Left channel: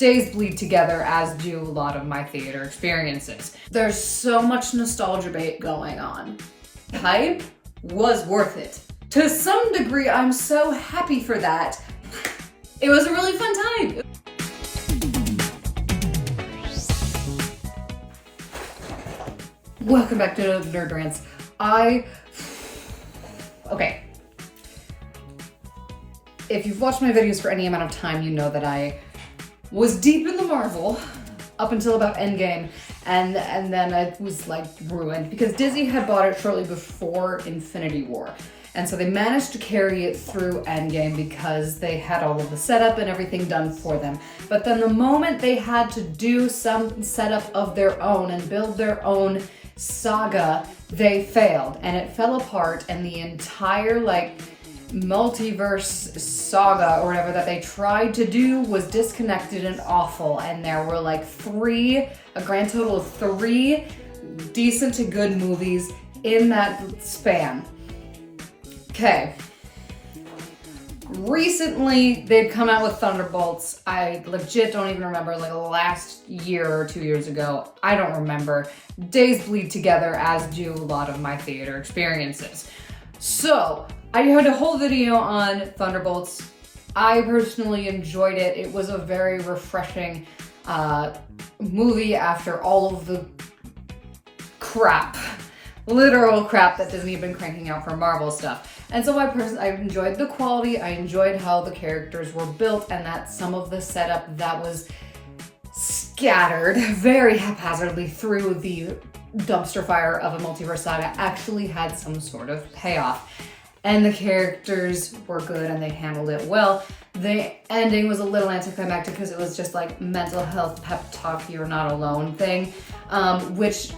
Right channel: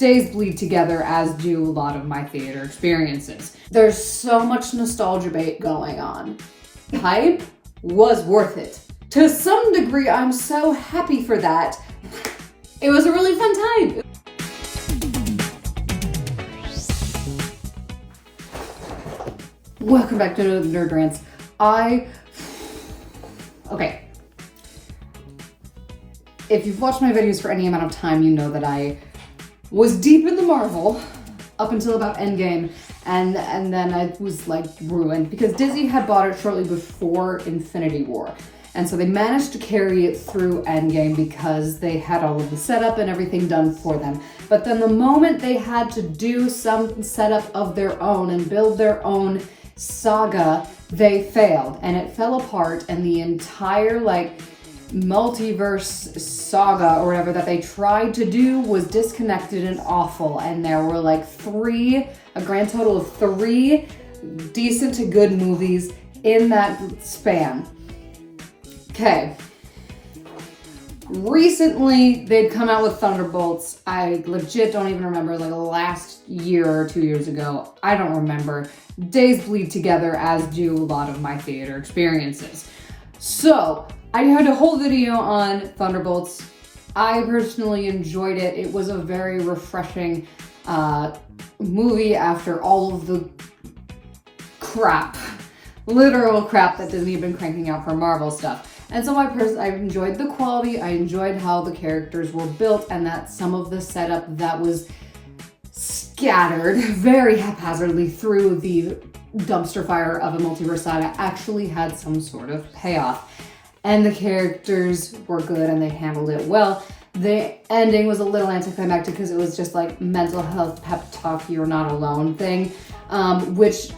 days bleed together, as do a lot of my theater experiences. There's so much nostalgia bait going on. Hype was worth it. To some degree, I'm so happy for that. It was a really fun time. Welcome back to Nerd Rants. Okay. If you've watched my videos for any amount of time, you know that I was deep in the Marvel up until about Endgame, and then I was like ruined because Disney had bought it shortly before Infinity War. And so they managed to carry it through Endgame because they had all of the setup and everything done for them. But then the moment they had to do some setup of their own and build their own saga, they failed and it fell apart, and the entire multiverse saga or whatever that they tried to do was disconnected and awful. And there were a grand total of 3 decent to good movies in that span. Okay. Recently, they've come out with Thunderbolts. I legit don't even remember, last year or 2 years ago. I don't remember. Days bleed together, as do a lot of my theater experiences. So, I had a whole video on Thunderbolts. I personally enjoyed it. It was a very refreshing movie after all of the crap, literal crap that Disney had been cranking out for Marvel stuff. And so I enjoyed the quality, I enjoyed how the characters were built, and that some of the setup that was scattered very haphazardly through the dumpster fire of a multiverse saga actually had some sort of payoff. And the characters were good and they handled it well. The ending was a little anticlimactic because it was just mental health pep talk, you're not alone thing, which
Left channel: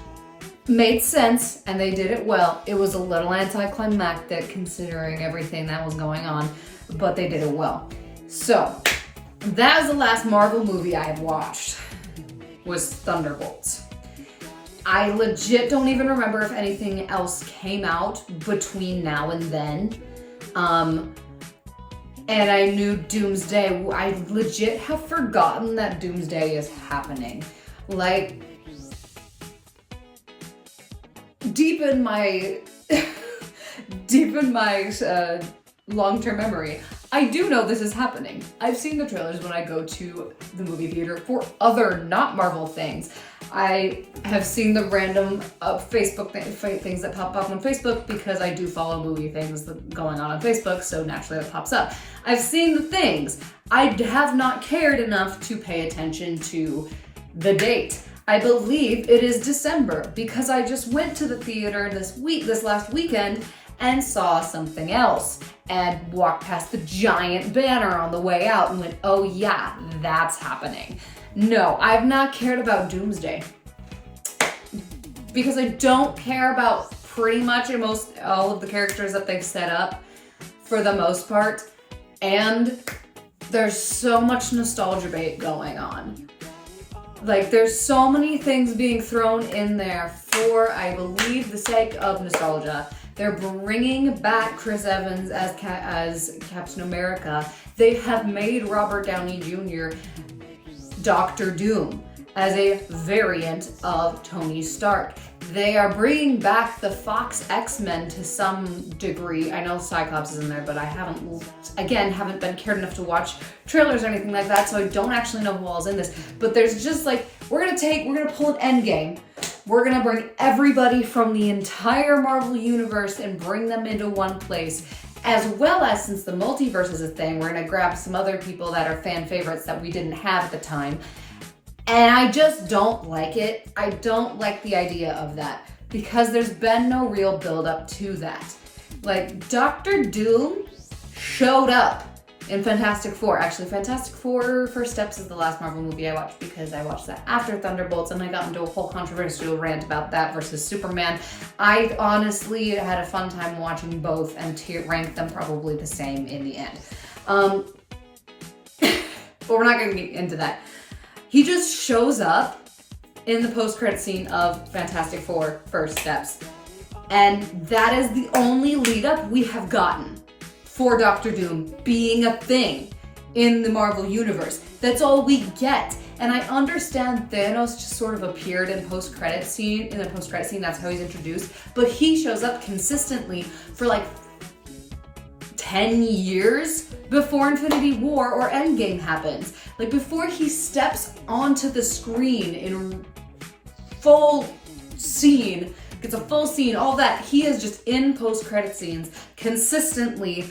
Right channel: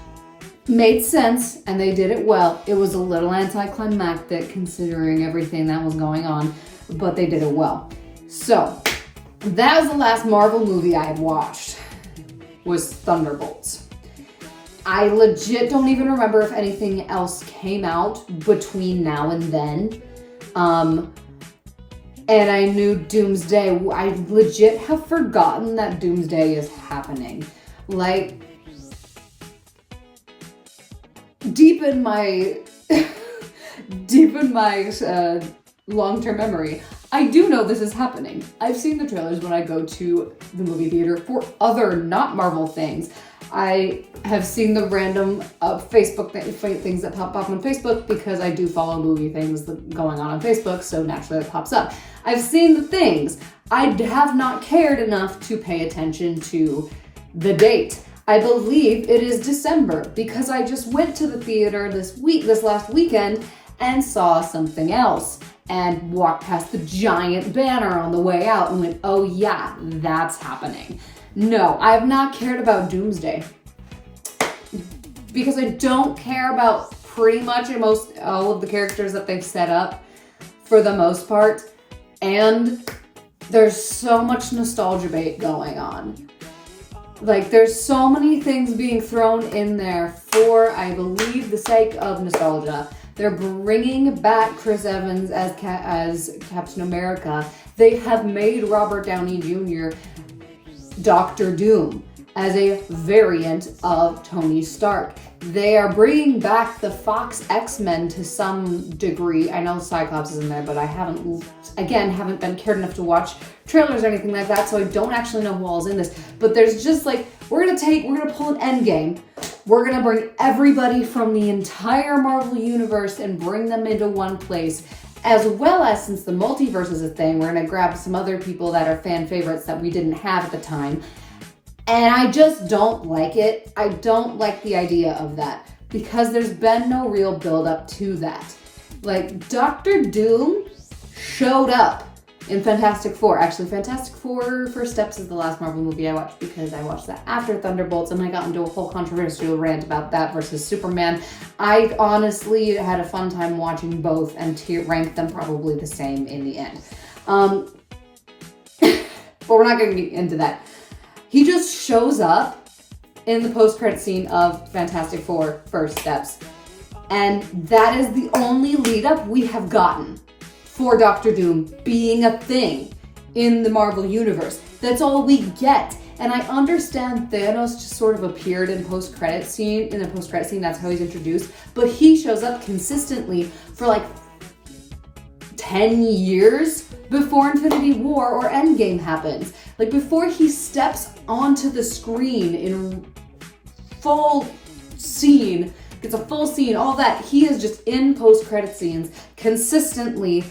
made sense, and they did it well. It was a little anticlimactic considering everything that was going on, but they did it well. So, that was the last Marvel movie I had watched, was Thunderbolts. I legit don't even remember if anything else came out between now and then. And I knew Doomsday. I legit have forgotten that Doomsday is happening. Deep in my long-term memory, I do know this is happening. I've seen the trailers when I go to the movie theater for other not Marvel things. I have seen the random Facebook things that pop up on Facebook because I do follow movie things going on Facebook, so naturally it pops up. I've seen the things. I have not cared enough to pay attention to the date. I believe it is December because I just went to the theater this last weekend and saw something else and walked past the giant banner on the way out and went, oh yeah, that's happening. No, I've not cared about Doomsday because I don't care about pretty much all of the characters that they've set up for the most part, and there's so much nostalgia bait going on. There's so many things being thrown in there for, I believe, the sake of nostalgia. They're bringing back Chris Evans as Captain America. They have made Robert Downey Jr. Doctor Doom as a variant of Tony Stark. They are bringing back the Fox X-Men to some degree. I know Cyclops is in there, but I haven't been cared enough to watch trailers or anything like that, so I don't actually know who all's in this. But there's just we're gonna pull an Endgame. We're gonna bring everybody from the entire Marvel universe and bring them into one place. As well as, since the multiverse is a thing, we're gonna grab some other people that are fan favorites that we didn't have at the time. And I just don't like it. I don't like the idea of that because there's been no real build up to that. Doctor Doom showed up in Fantastic Four. Actually, Fantastic Four First Steps is the last Marvel movie I watched because I watched that after Thunderbolts, and I got into a whole controversial rant about that versus Superman. I honestly had a fun time watching both and ranked them probably the same in the end. But we're not going to get into that. He just shows up in the post-credit scene of Fantastic Four First Steps, and that is the only lead up we have gotten for Doctor Doom being a thing in the Marvel Universe. That's all we get. And I understand Thanos just sort of appeared in the post-credit scene, that's how he's introduced, but he shows up consistently for like 10 years before Infinity War or Endgame happens. Like before he steps onto the screen in full scene, gets a full scene, all that, he is just in post-credit scenes consistently,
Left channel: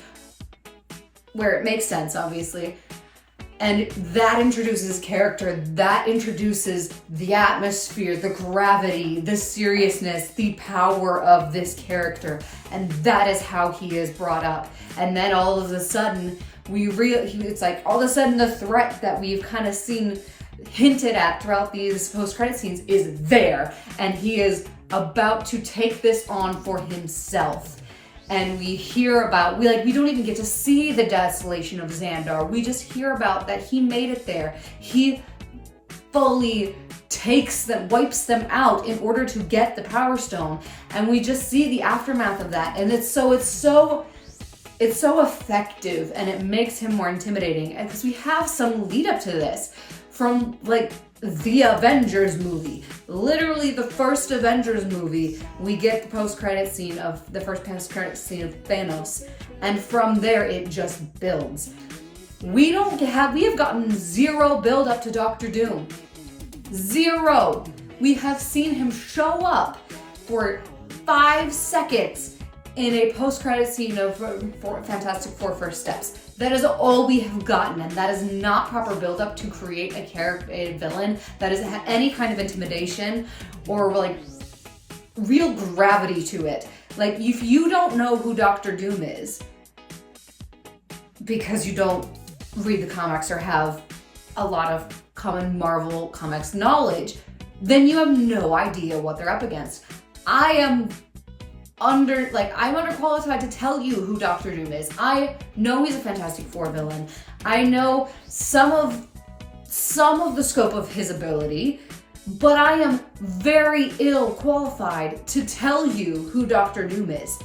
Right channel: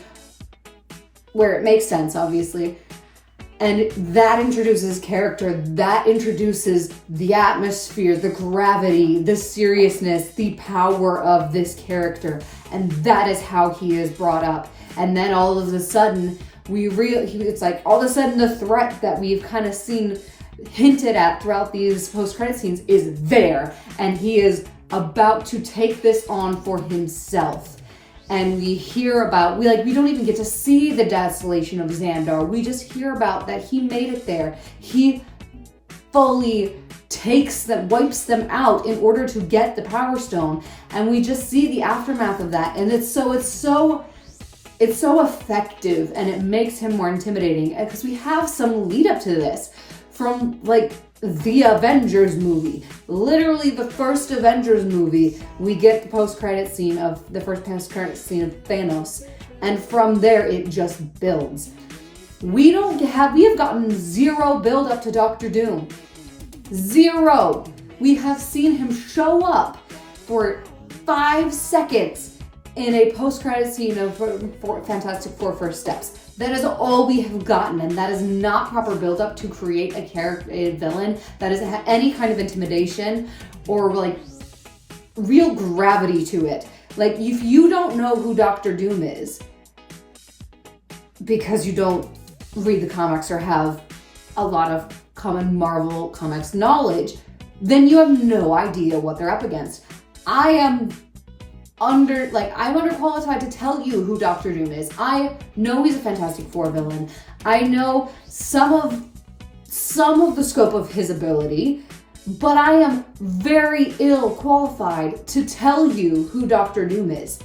where it makes sense, obviously. And that introduces character, that introduces the atmosphere, the gravity, the seriousness, the power of this character. And that is how he is brought up. And then all of a sudden, it's like all of a sudden the threat that we've kind of seen hinted at throughout these post-credit scenes is there. And he is about to take this on for himself. And we hear about, we don't even get to see the desolation of Xandar. We just hear about that he made it there. He fully takes them, wipes them out in order to get the Power Stone. And we just see the aftermath of that. And it's so effective, and it makes him more intimidating. Because we have some lead up to this from like the Avengers movie. Literally the first Avengers movie, we get the post-credit scene of Thanos, and from there it just builds. We have gotten zero build up to Doctor Doom. Zero. We have seen him show up for 5 seconds in a post-credit scene of Fantastic Four First Steps. That is all we have gotten, and that is not proper build-up to create a character, a villain that is any kind of intimidation or like real gravity to it. Like if you don't know who Doctor Doom is because you don't read the comics or have a lot of common Marvel comics knowledge, then you have no idea what they're up against. I'm underqualified to tell you who Doctor Doom is. I know he's a Fantastic Four villain. I know some of the scope of his ability, but I am very ill qualified to tell you who Doctor Doom is.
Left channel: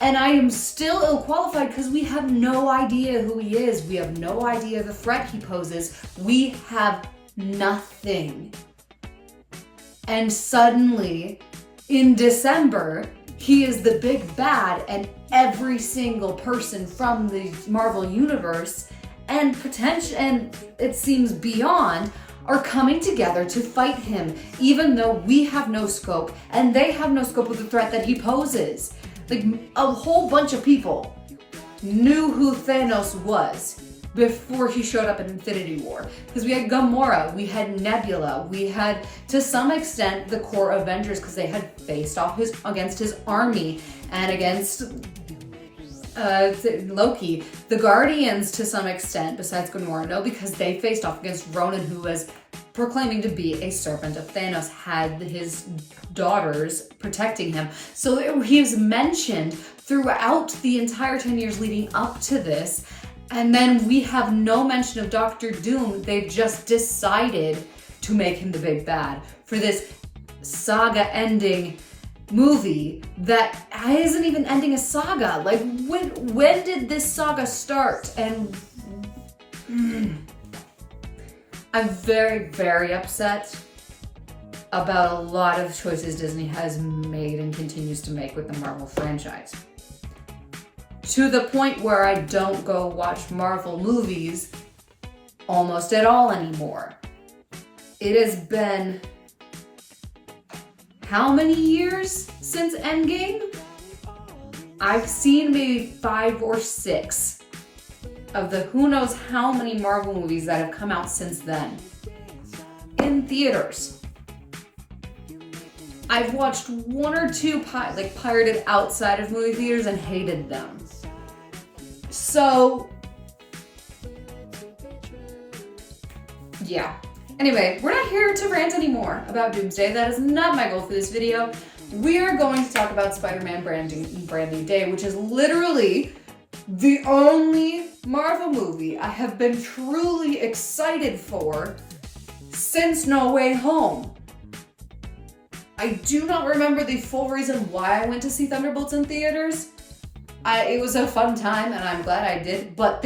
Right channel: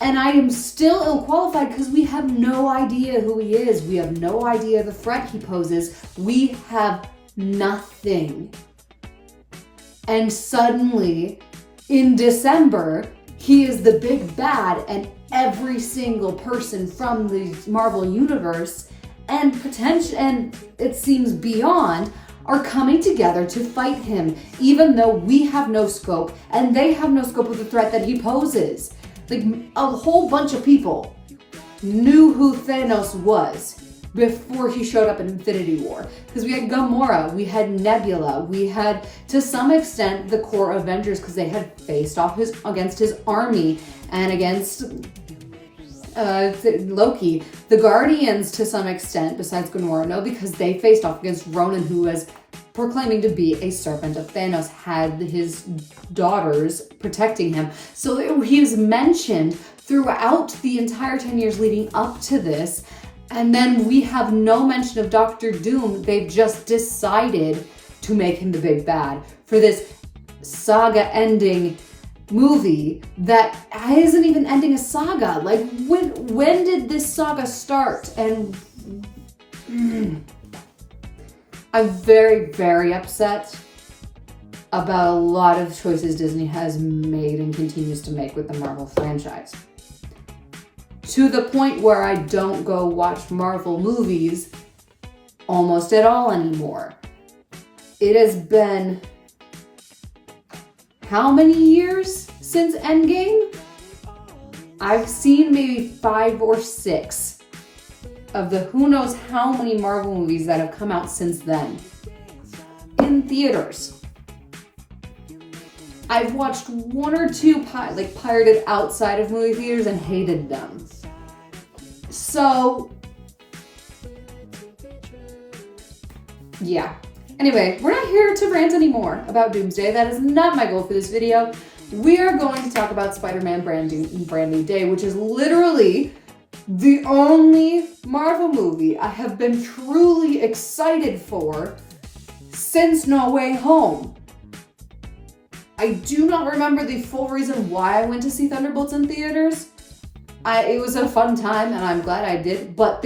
And I am still ill qualified because we have no idea who he is. We have no idea the threat he poses. We have nothing. And suddenly, in December, he is the big bad, and every single person from the Marvel Universe and it seems beyond are coming together to fight him, even though we have no scope and they have no scope of the threat that he poses. Like a whole bunch of people knew who Thanos was before he showed up in Infinity War. Because we had Gamora, we had Nebula, we had, to some extent, the core Avengers, because they had faced off against his army and against Loki. The Guardians, to some extent, besides Gamora, no, because they faced off against Ronan, who was proclaiming to be a servant of Thanos, had his daughters protecting him. So he was mentioned throughout the entire 10 years leading up to this. And then we have no mention of Doctor Doom. They've just decided to make him the big bad for this saga-ending movie that isn't even ending a saga. Like, when did this saga start? And I'm very, very upset about a lot of choices Disney has made and continues to make with the Marvel franchise. To the point where I don't go watch Marvel movies almost at all anymore. It has been how many years since Endgame? I've seen maybe 5 or 6 of the who knows how many Marvel movies that have come out since then in theaters. I've watched 1 or 2 pirated outside of movie theaters and hated them. So, yeah. Anyway, we're not here to rant anymore about Doomsday. That is not my goal for this video. We are going to talk about Spider-Man Brand New Day, which is literally the only Marvel movie I have been truly excited for since No Way Home. I do not remember the full reason why I went to see Thunderbolts in theaters. It was a fun time, and I'm glad I did, but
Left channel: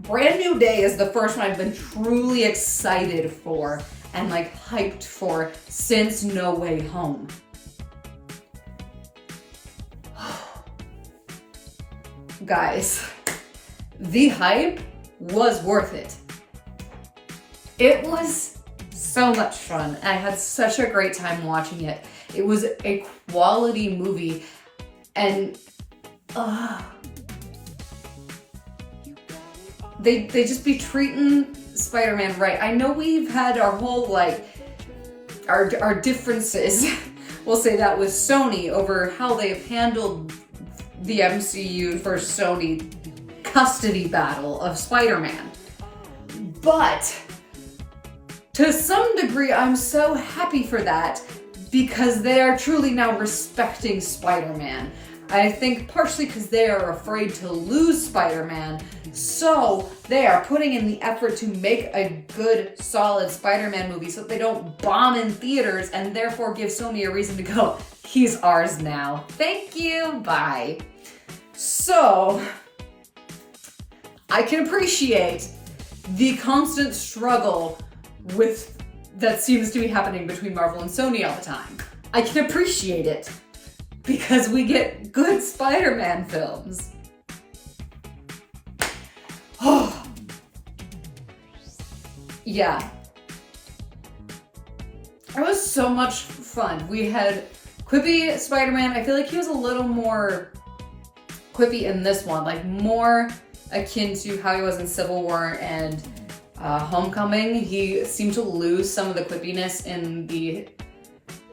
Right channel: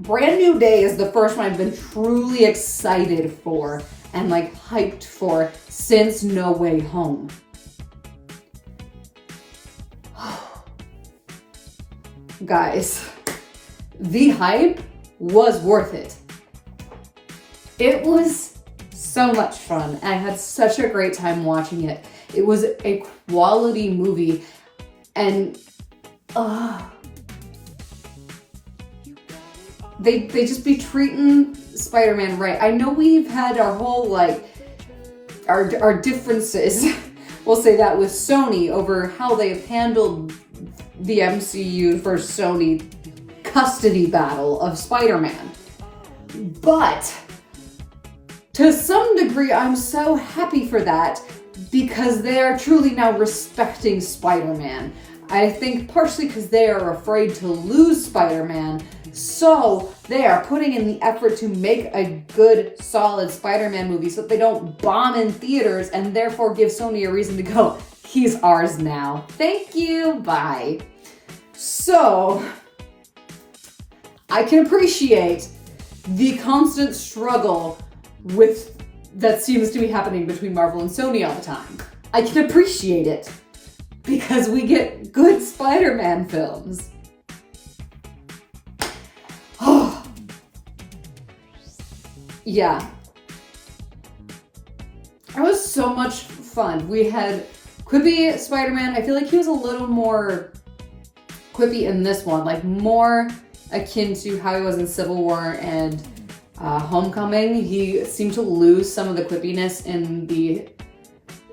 Brand New Day is the first one I've been truly excited for and like hyped for since No Way Home. Guys, the hype was worth it. It was so much fun. I had such a great time watching it. It was a quality movie, and they just be treating Spider-Man right. I know we've had our whole like our differences, we'll say that, with Sony over how they've handled the MCU versus Sony custody battle of Spider-Man. But to some degree, I'm so happy for that because they are truly now respecting Spider-Man. I think partially because they are afraid to lose Spider-Man, so they are putting in the effort to make a good, solid Spider-Man movie so that they don't bomb in theaters and therefore give Sony a reason to go, he's ours now. Thank you, bye. So, I can appreciate the constant struggle that seems to be happening between Marvel and Sony all the time. I can appreciate it because we get good Spider-Man films. Oh, yeah. It was so much fun. We had quippy Spider-Man. I feel like he was a little more quippy in this one, like more akin to how he was in Civil War and Homecoming. He seemed to lose some of the quippiness in the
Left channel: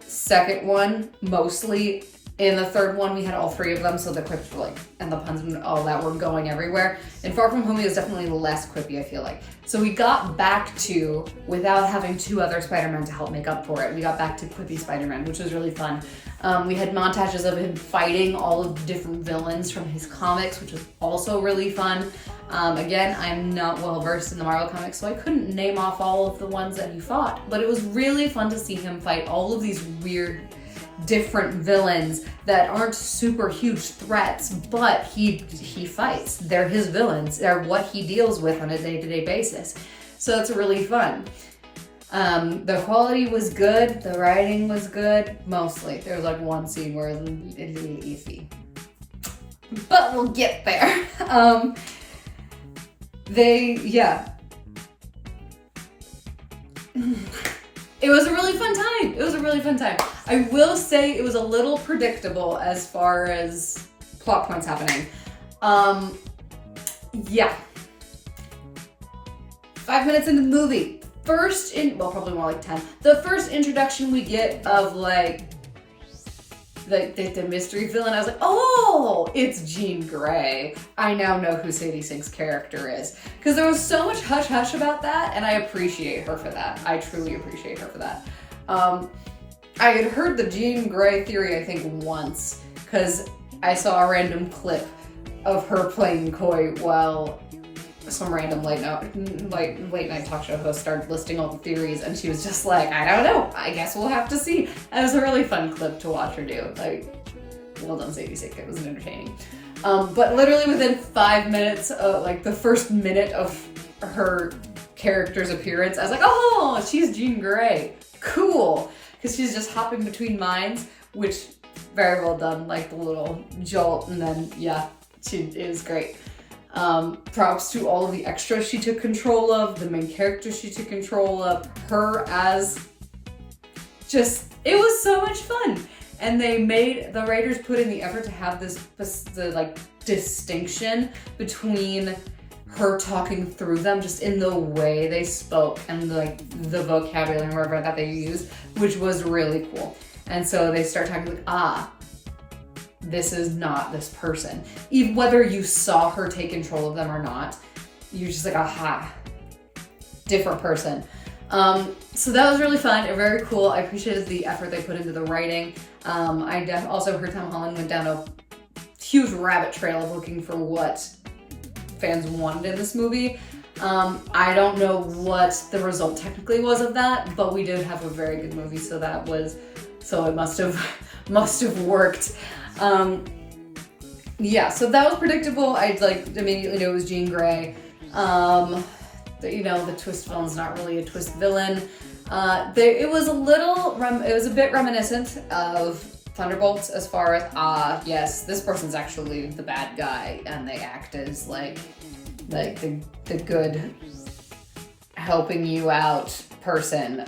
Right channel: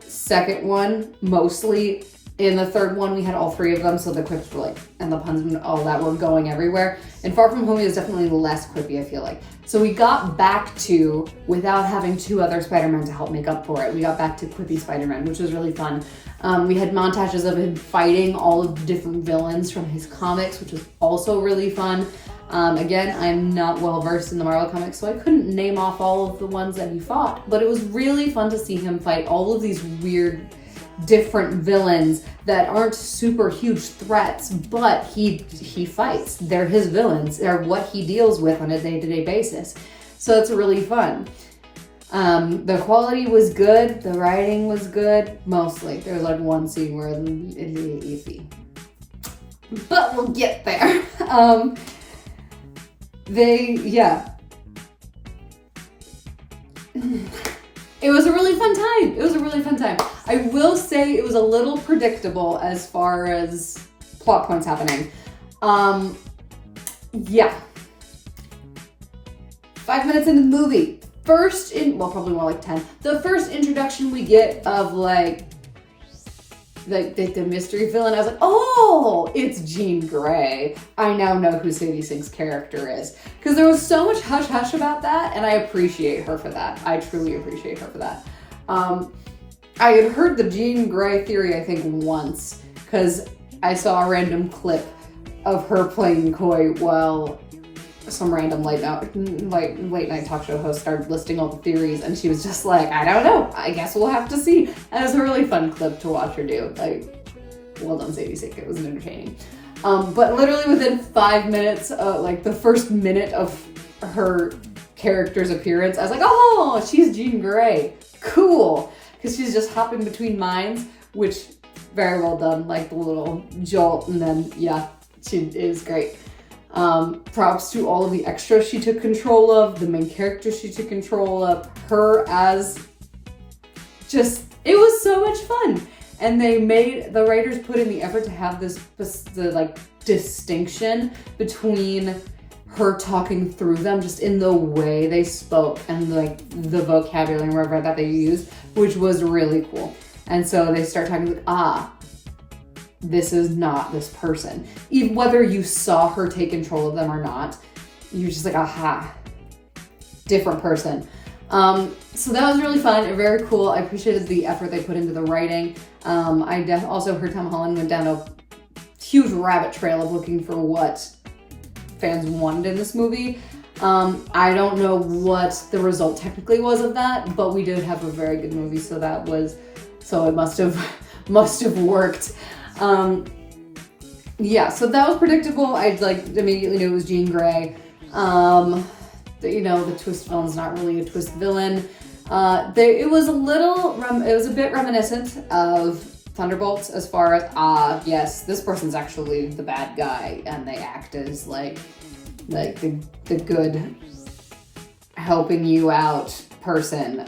second one, mostly. In the third one, we had all three of them, so the quips were like, and the puns and all that were going everywhere. In Far From Home, he was definitely less quippy, I feel like. So we got back to, without having two other Spider-Men to help make up for it, we got back to quippy Spider-Man, which was really fun. We had montages of him fighting all of the different villains from his comics, which was also really fun. Again, I'm not well versed in the Marvel comics, so I couldn't name off all of the ones that he fought, but it was really fun to see him fight all of these weird, different villains that aren't super huge threats, but he fights. They're his villains. They're what he deals with on a day-to-day basis. So it's really fun. The quality was good. The writing was good. Mostly. There's like one scene where it's iffy. But we'll get there. It was a really fun time. I will say it was a little predictable as far as plot points happening. 5 minutes into the movie. Probably more like 10. The first introduction we get of like the mystery villain, I was like, oh, it's Jean Grey. I now know who Sadie Sink's character is. Because there was so much hush-hush about that, and I appreciate her for that. I truly appreciate her for that. I had heard the Jean Grey theory, I think, once, because I saw a random clip of her playing coy while some random late night talk show host started listing all the theories, and she was just like, I don't know, I guess we'll have to see. And it was a really fun clip to watch her do. Like, well done, Sadie Sink. It was entertaining. But literally within 5 minutes, like the first minute of her character's appearance, I was like, oh, she's Jean Grey. Cool. Because she's just hopping between minds, which very well done. Like the little jolt, and then it was great. Props to all of the extras she took control of, the main character she took control of, her as it was so much fun. And the writers put in the effort to have the distinction between her talking through them, just in the way they spoke and the vocabulary and whatever that they used, which was really cool. And so they start talking like, this is not this person. Even whether you saw her take control of them or not, you're just like, aha, different person. So that was really fun and very cool. I appreciated the effort they put into the writing. I also heard Tom Holland went down a huge rabbit trail of looking for what fans wanted in this movie. I don't know what the result technically was of that, but we did have a very good movie, so it must have worked. So that was predictable. I immediately knew it was Jean Grey. The twist villain's not really a twist villain. It was a bit reminiscent of Thunderbolts as far as, yes, this person's actually the bad guy, and they act as like the good, helping you out person.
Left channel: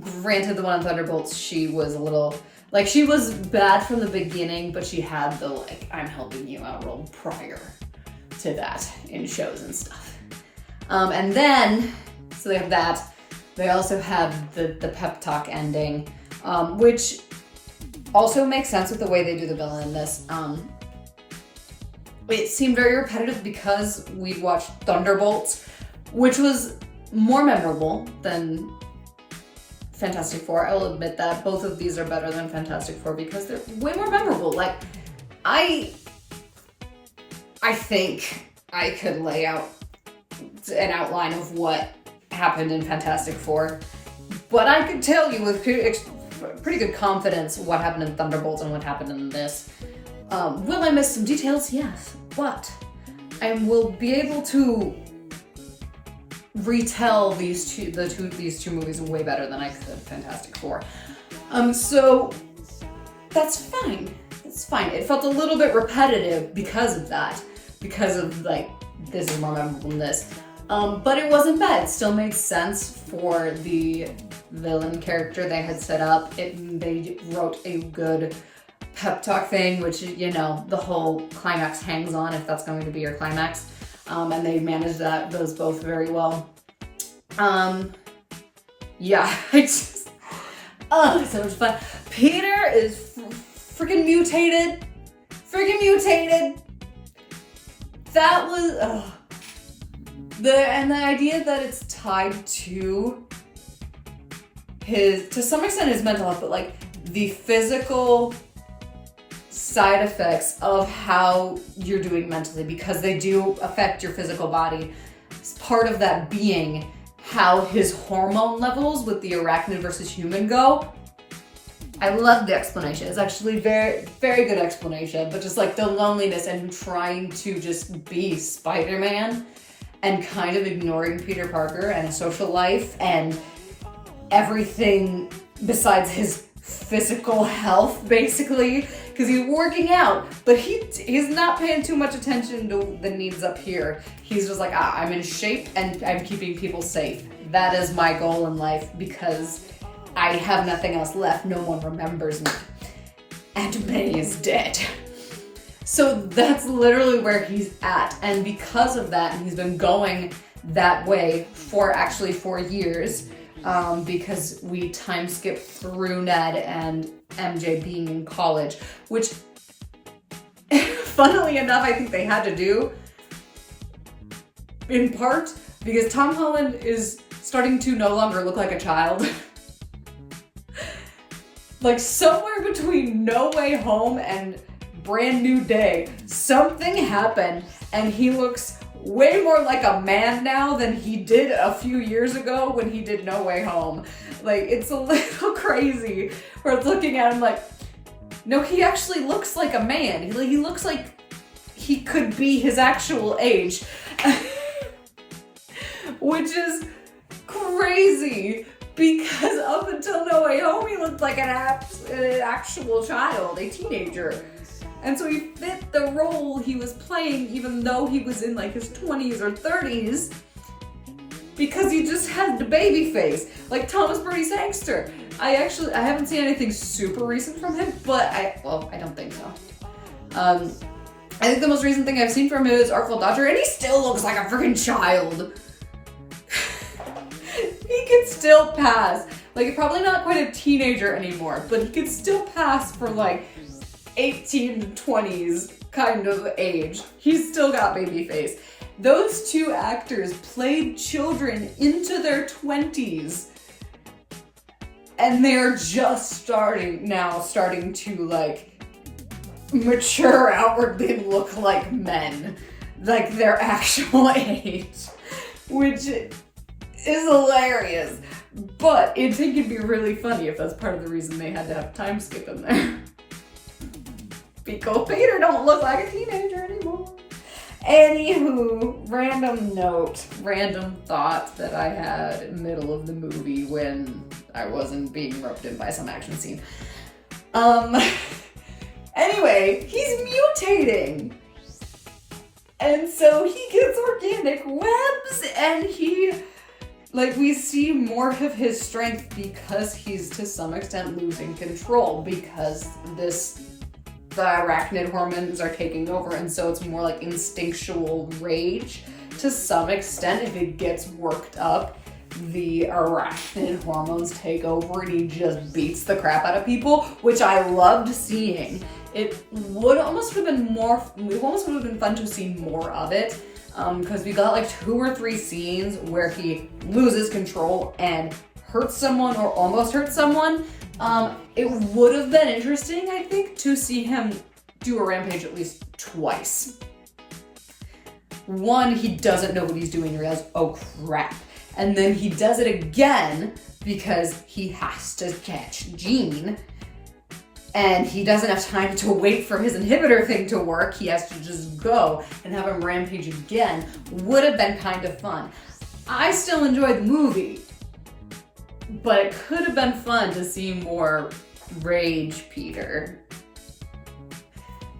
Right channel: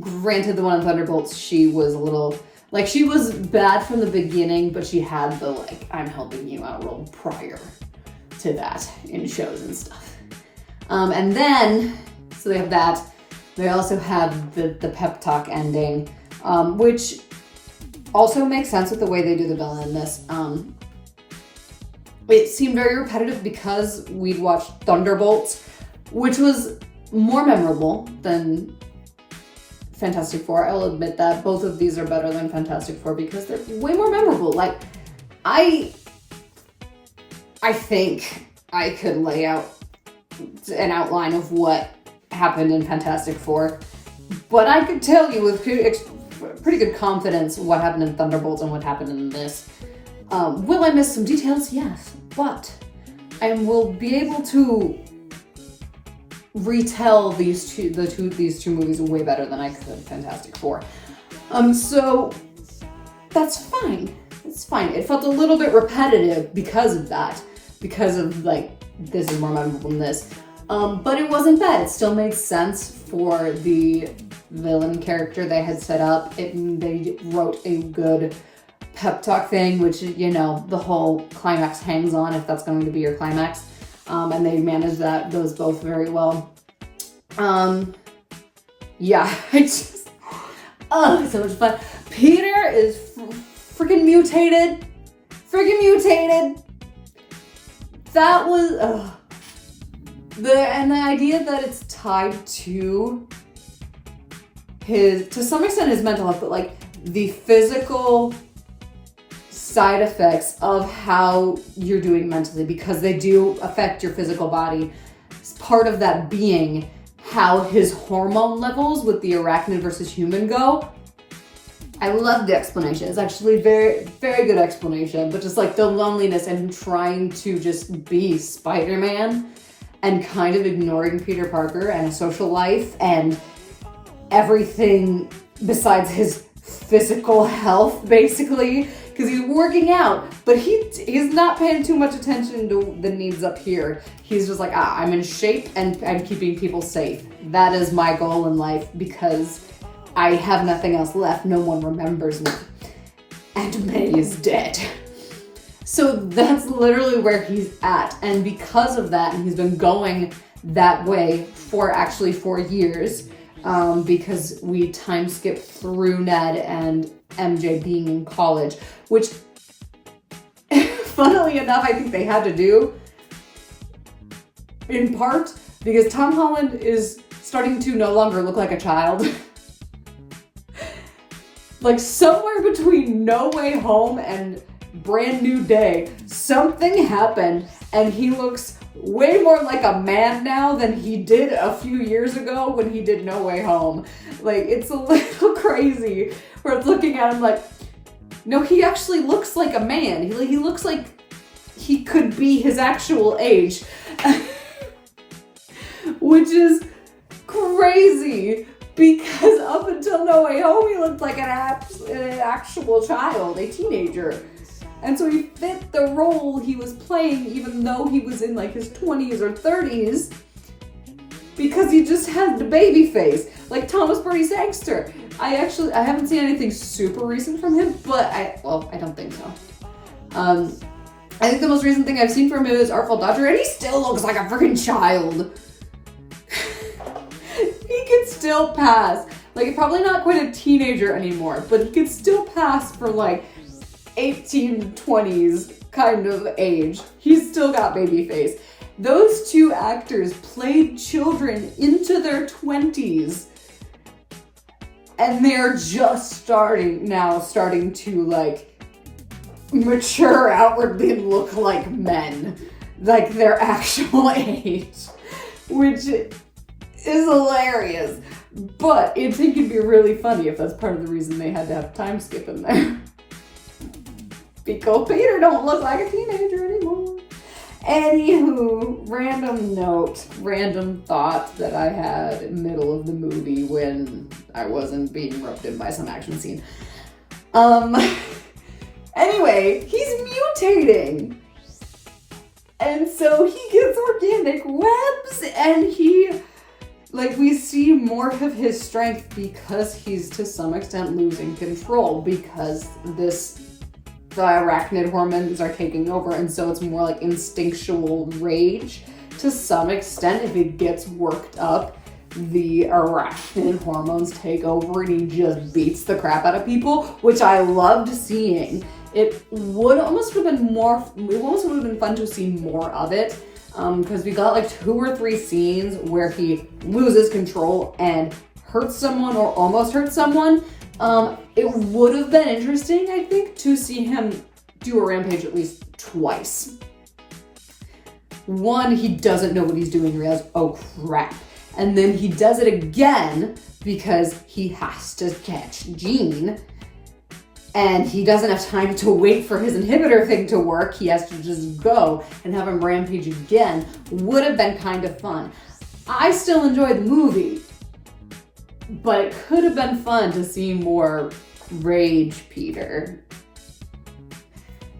Granted, the one in Thunderbolts, she was a little, like, she was bad from the beginning, but she had the, like, I'm helping you out role prior to that in shows and stuff. And then, so they have that. They also have the pep talk ending, which also makes sense with the way they do the villain in this. It seemed very repetitive because we'd watched Thunderbolts, which was more memorable than Fantastic Four. I'll admit that. Both of these are better than Fantastic Four because they're way more memorable. Like, I think I could lay out an outline of what happened in Fantastic Four, but I could tell you with pretty good confidence what happened in Thunderbolts and what happened in this. Will I miss some details? Yes, but I will be able to retell these two movies way better than I could Fantastic Four. So that's fine. It's fine. It felt a little bit repetitive because of that. Because of, like, this is more memorable than this. But it wasn't bad. It still made sense for the villain character they had set up. They wrote a good pep talk thing, which, the whole climax hangs on if that's going to be your climax. And they managed those both very well. Yeah, it's so much fun. Peter is freaking mutated. That was, the idea that it's tied to some extent his mental health, but like the physical side effects of how you're doing mentally, because they do affect your physical body. It's part of that being how his hormone levels with the arachnid versus human go. I love the explanation. It's actually very, very good explanation, but just like the loneliness and trying to just be Spider-Man and kind of ignoring Peter Parker and a social life and everything besides his physical health, basically, because he's working out, but he's not paying too much attention to the needs up here. He's just like, I'm in shape and I'm keeping people safe. That is my goal in life because I have nothing else left. No one remembers me. And May is dead. So that's literally where he's at. And because of that, and he's been going that way for actually 4 years, because we time skip through Ned and MJ being in college, which funnily enough, I think they had to do in part because Tom Holland is starting to no longer look like a child. Like somewhere between No Way Home and Brand New Day, something happened and he looks way more like a man now than he did a few years ago when he did No Way Home. Like, it's a little crazy where it's looking at him like, no, he actually looks like a man. He looks like he could be his actual age. Which is crazy because up until No Way Home, he looked like an actual child, a teenager. And so he fit the role he was playing even though he was in like his 20s or 30s because he just had the baby face. Like Thomas Brody Sangster. I haven't seen anything super recent from him, but I don't think so. I think the most recent thing I've seen from him is Artful Dodger, and he still looks like a freaking child. He could still pass. Like, probably not quite a teenager anymore, but he could still pass for like 18 to 20s kind of age. He's still got baby face. Those two actors played children into their 20s. And they're just starting to like mature outwardly and look like men. Like their actual age. Which is hilarious. But I think it'd be really funny if that's part of the reason they had to have time skip in there. Because Peter don't look like a teenager anymore. Anywho, random note, random thought that I had in the middle of the movie when I wasn't being roped in by some action scene. Anyway, he's mutating. And so he gets organic webs, and we see more of his strength because he's to some extent losing control because the arachnid hormones are taking over, and so it's more like instinctual rage to some extent. If it gets worked up, the arachnid hormones take over and he just beats the crap out of people, which I loved seeing. It almost would have been fun to see more of it, because we got like 2 or 3 scenes where he loses control and hurts someone or almost hurts someone. It would have been interesting, I think, to see him do a rampage at least twice. One, he doesn't know what he's doing and realizes, oh crap. And then he does it again because he has to catch Jean. And he doesn't have time to wait for his inhibitor thing to work. He has to just go and have him rampage again. Would have been kind of fun. I still enjoyed the movie, but it could have been fun to see more Rage Peter.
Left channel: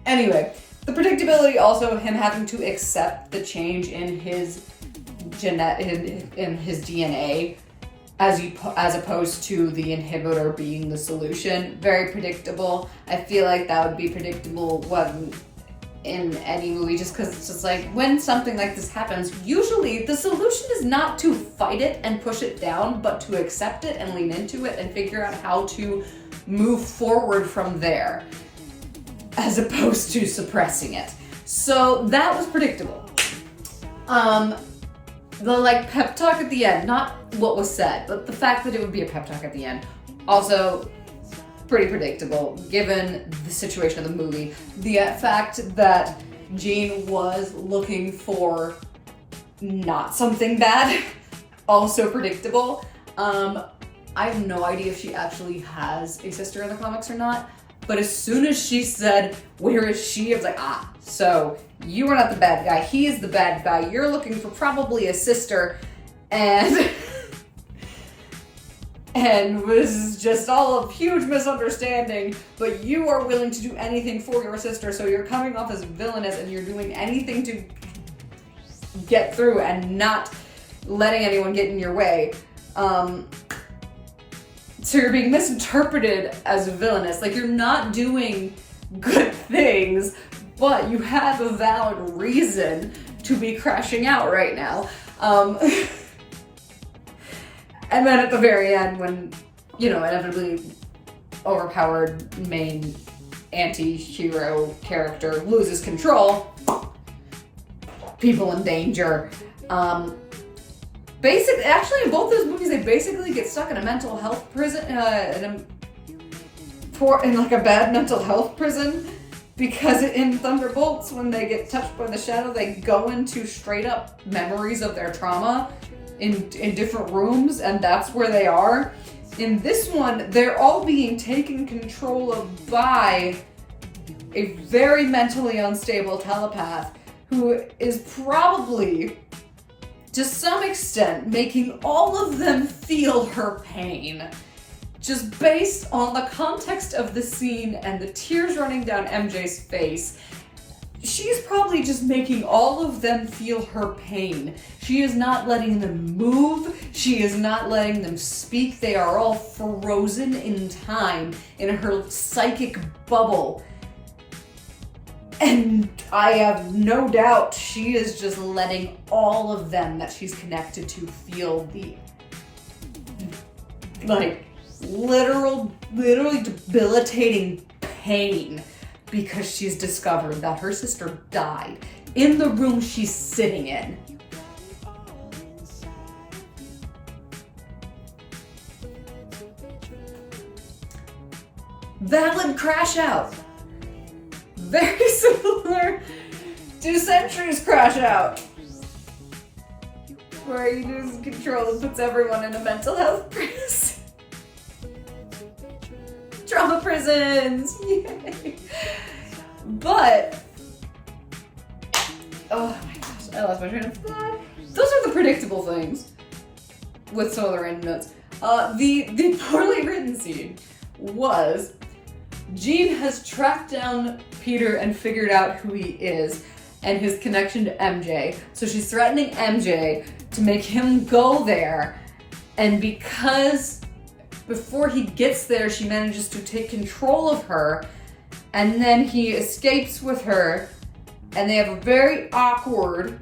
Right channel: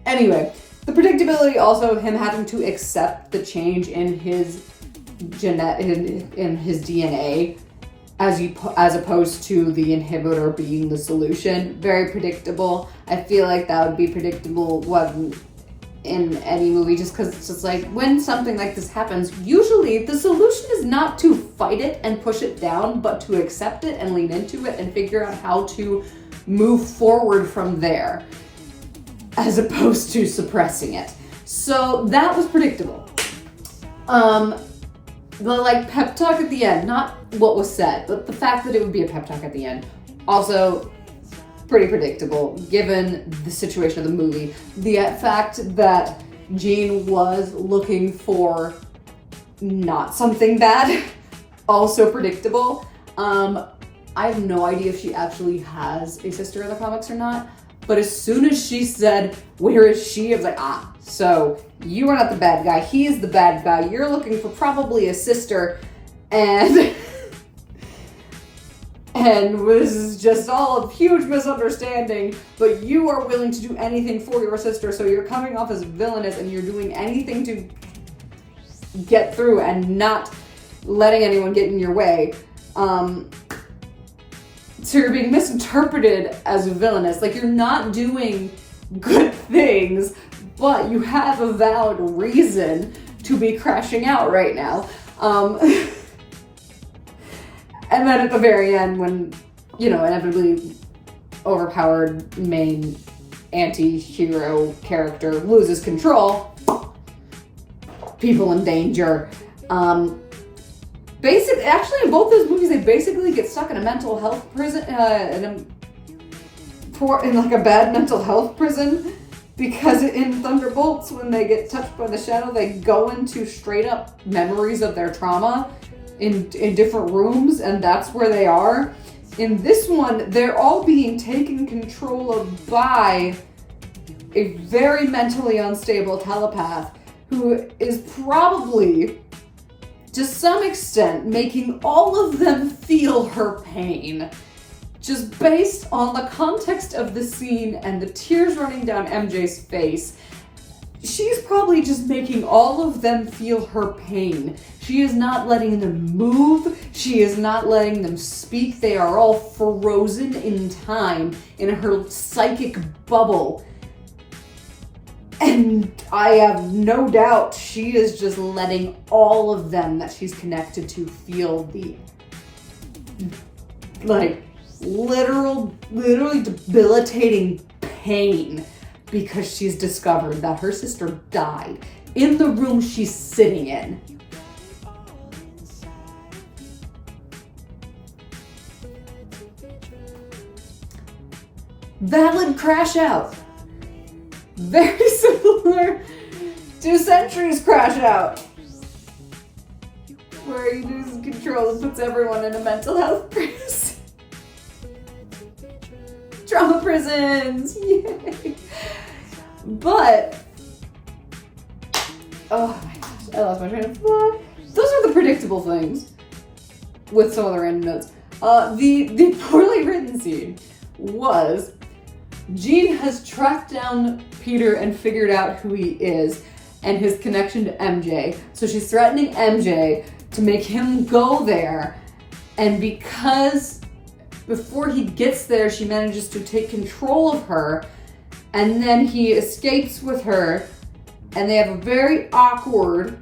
Anyway, the predictability also, him having to accept the change in his in his DNA as opposed to the inhibitor being the solution. Very predictable. I feel like that would be predictable in any movie, just because it's just like when something like this happens, usually the solution is not to fight it and push it down, but to accept it and lean into it and figure out how to move forward from there, as opposed to suppressing it. So that was predictable. The pep talk at the end, not what was said, but the fact that it would be a pep talk at the end, also pretty predictable given the situation of the movie. The fact that Jean was looking for not something bad, also predictable. I have no idea if she actually has a sister in the comics or not, but as soon as she said, where is she? I was like, so you are not the bad guy. He is the bad guy. You're looking for probably a sister, and this is just all a huge misunderstanding, but you are willing to do anything for your sister, so you're coming off as villainous and you're doing anything to get through and not letting anyone get in your way. So you're being misinterpreted as villainous. Like, you're not doing good things, but you have a valid reason to be crashing out right now. And then at the very end, when, inevitably overpowered main anti-hero character loses control, people in danger. Actually, in both those movies, they basically get stuck in a mental health prison, in a bad mental health prison, because in Thunderbolts, when they get touched by the shadow, they go into straight up memories of their trauma in different rooms, and that's where they are. In this one, they're all being taken control of by a very mentally unstable telepath who is probably, to some extent, making all of them feel her pain. Just based on the context of the scene and the tears running down MJ's face, she's probably just making all of them feel her pain. She is not letting them move. She is not letting them speak. They are all frozen in time in her psychic bubble. And I have no doubt she is just letting all of them that she's connected to feel the, literally debilitating pain, because she's discovered that her sister died in the room she's sitting in. Valid crash out. Very similar to Sentry's crash out, where he loses control and puts everyone in a mental health prison. Trauma prisons! Yay! But, oh my gosh, I lost my train of thought. Those are the predictable things. With some other random notes. The poorly written scene was Jean has tracked down Peter and figured out who he is and his connection to MJ. So she's threatening MJ to make him go there. And because before he gets there, she manages to take control of her, and then he escapes with her, and they have a very awkward,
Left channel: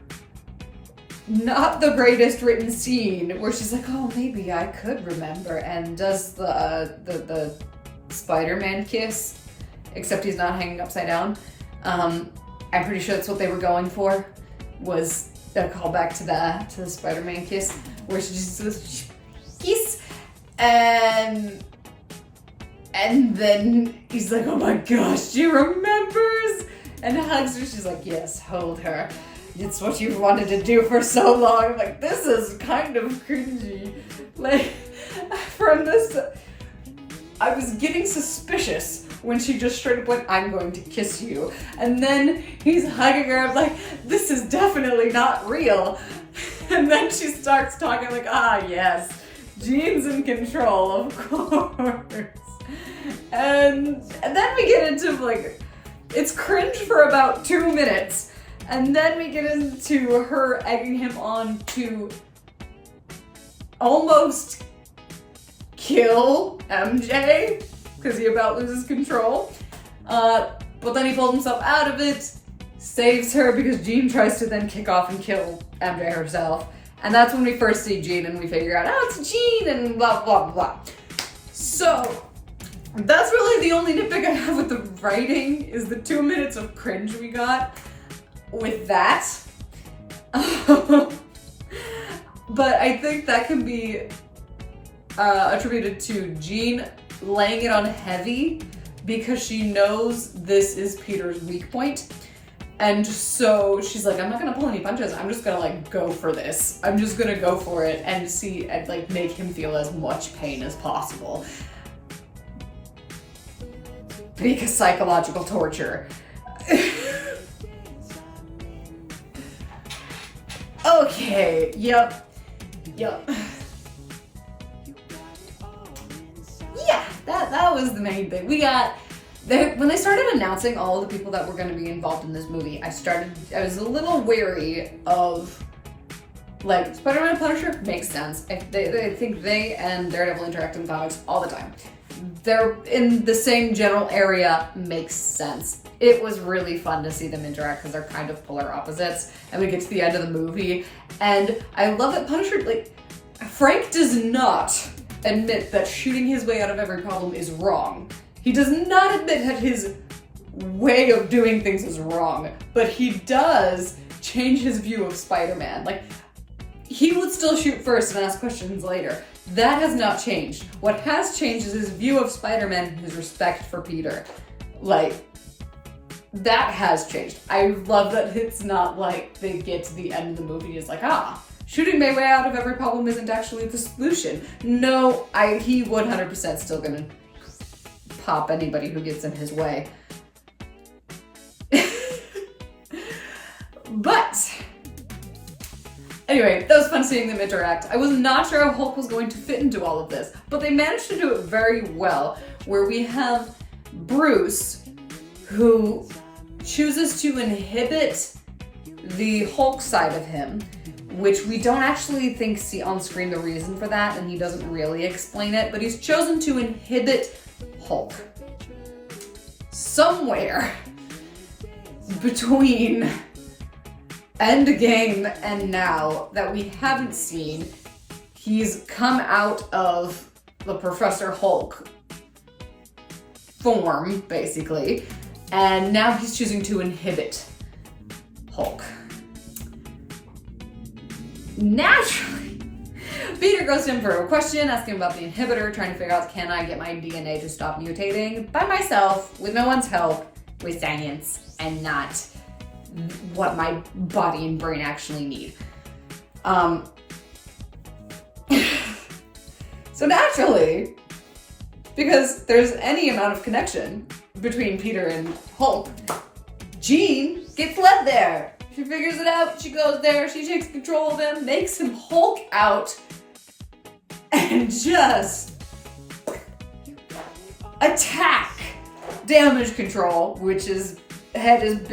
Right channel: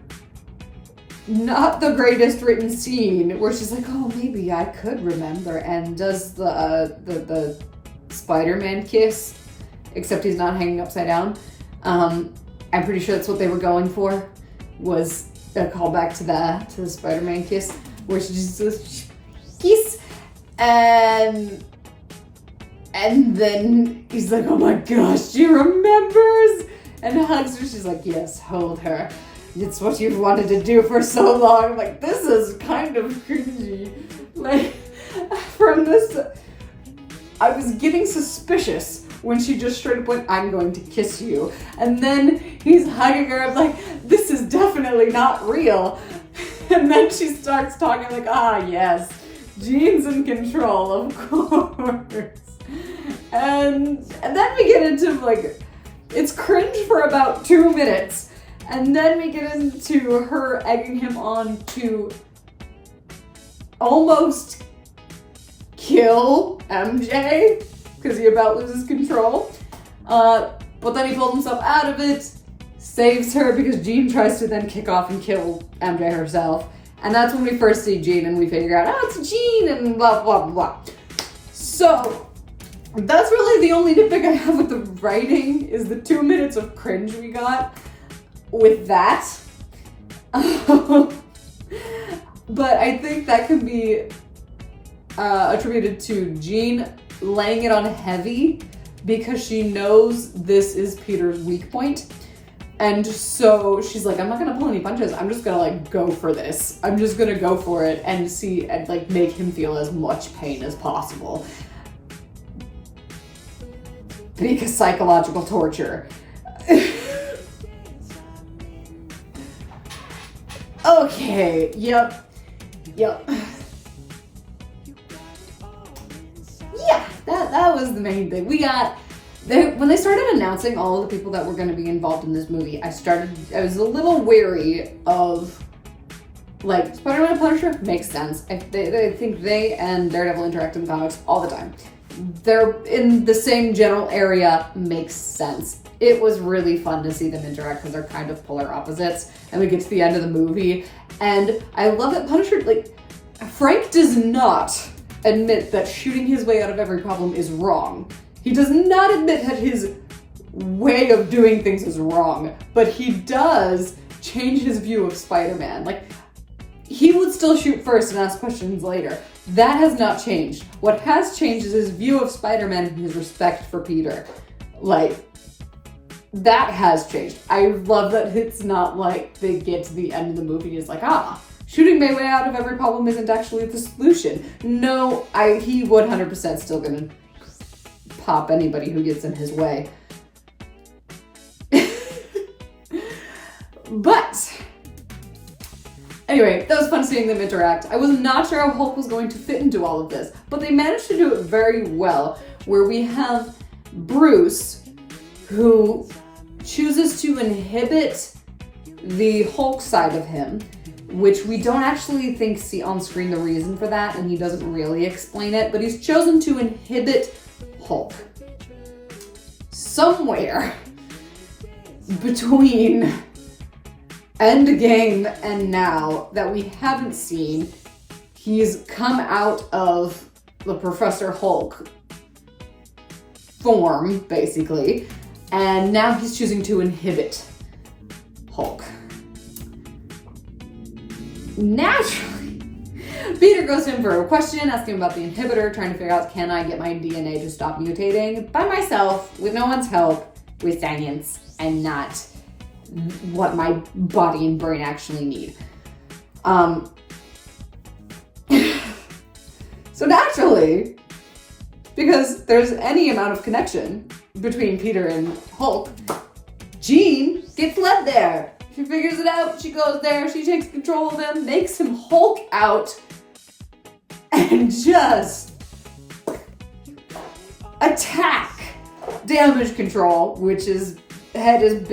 not the greatest written scene where she's like, oh, maybe I could remember, and does the Spider-Man kiss, except he's not hanging upside down. I'm pretty sure that's what they were going for, was a callback to the Spider-Man kiss, where she just goes, kiss, and then he's like, oh my gosh, she remembers, and hugs her. She's like, yes, hold her. It's what you've wanted to do for so long. I'm like, this is kind of cringy. Like, from this, I was getting suspicious when she just straight up went, I'm going to kiss you. And then he's hugging her. I'm like, this is definitely not real. And then she starts talking like, yes, Jean's in control, of course. And then we get into like, it's cringe for about 2 minutes. And then we get into her egging him on to almost kill MJ because he about loses control. But then he pulls himself out of it, saves her because Jean tries to then kick off and kill MJ herself. And that's when we first see Jean and we figure out, oh, it's Jean and blah, blah, blah. So that's really the only nitpick I have with the writing is the 2 minutes of cringe we got with that. But I think that can be attributed to Jean laying it on heavy because she knows this is Peter's weak point. And so she's like, I'm not gonna pull any punches. I'm just gonna like go for this. I'm just gonna go for it and see and like make him feel as much pain as possible. Because psychological torture. Okay, yep. Yeah, that was the main thing. We got, when they started announcing all of the people that were going to be involved in this movie, I was a little wary of, like, Spider-Man and Punisher makes sense. They think they and Daredevil interact in comics all the time. They're in the same general area, makes sense. It was really fun to see them interact because they're kind of polar opposites. And we get to the end of the movie, and I love that Punisher, like, Frank does not admit that shooting his way out of every problem is wrong. He does not admit that his way of doing things is wrong, but he does change his view of Spider-Man. Like, he would still shoot first and ask questions later. That has not changed. What has changed is his view of Spider-Man and his respect for Peter. Like, that has changed. I love that it's not like they get to the end of the movie and it's like, shooting my way out of every problem isn't actually the solution. No, he 100% still gonna pop anybody who gets in his way. But anyway, that was fun seeing them interact. I was not sure how Hulk was going to fit into all of this, but they managed to do it very well, where we have Bruce, who chooses to inhibit the Hulk side of him, which we don't actually see on screen the reason for that, and he doesn't really explain it, but he's chosen to inhibit Hulk. Somewhere between Endgame and now that we haven't seen, he's come out of the Professor Hulk form, basically, and now he's choosing to inhibit Hulk. Naturally, Peter goes to him for a question, asking about the inhibitor, trying to figure out, can I get my DNA to stop mutating by myself, with no one's help, with science, and not what my body and brain actually need. So naturally, because there's any amount of connection between Peter and Hulk, Jean gets led there. She figures it out, she goes there, she takes control of him, makes him Hulk out, and just attack Damage Control, which is the head of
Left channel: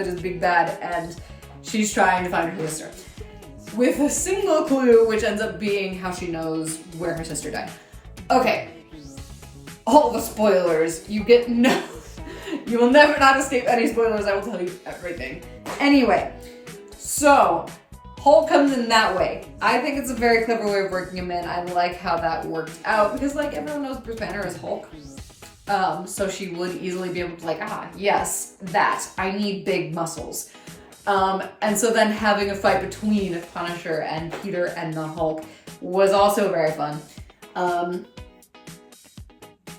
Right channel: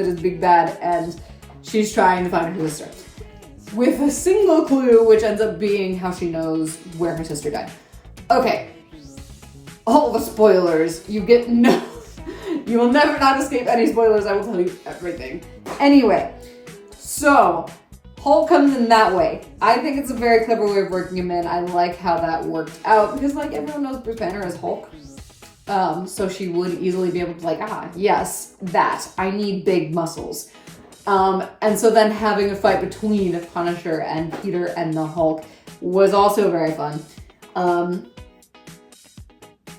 it is Big Bad, and she's trying to find her sister. With a single clue, which ends up being how she knows where her sister died. Okay. All the spoilers. You will never not escape any spoilers. I will tell you everything. Anyway, so Hulk comes in that way. I think it's a very clever way of working him in. I like how that worked out because like everyone knows Bruce Banner is Hulk. So she would easily be able to like, yes, that. I need big muscles. And so then having a fight between Punisher and Peter and the Hulk was also very fun.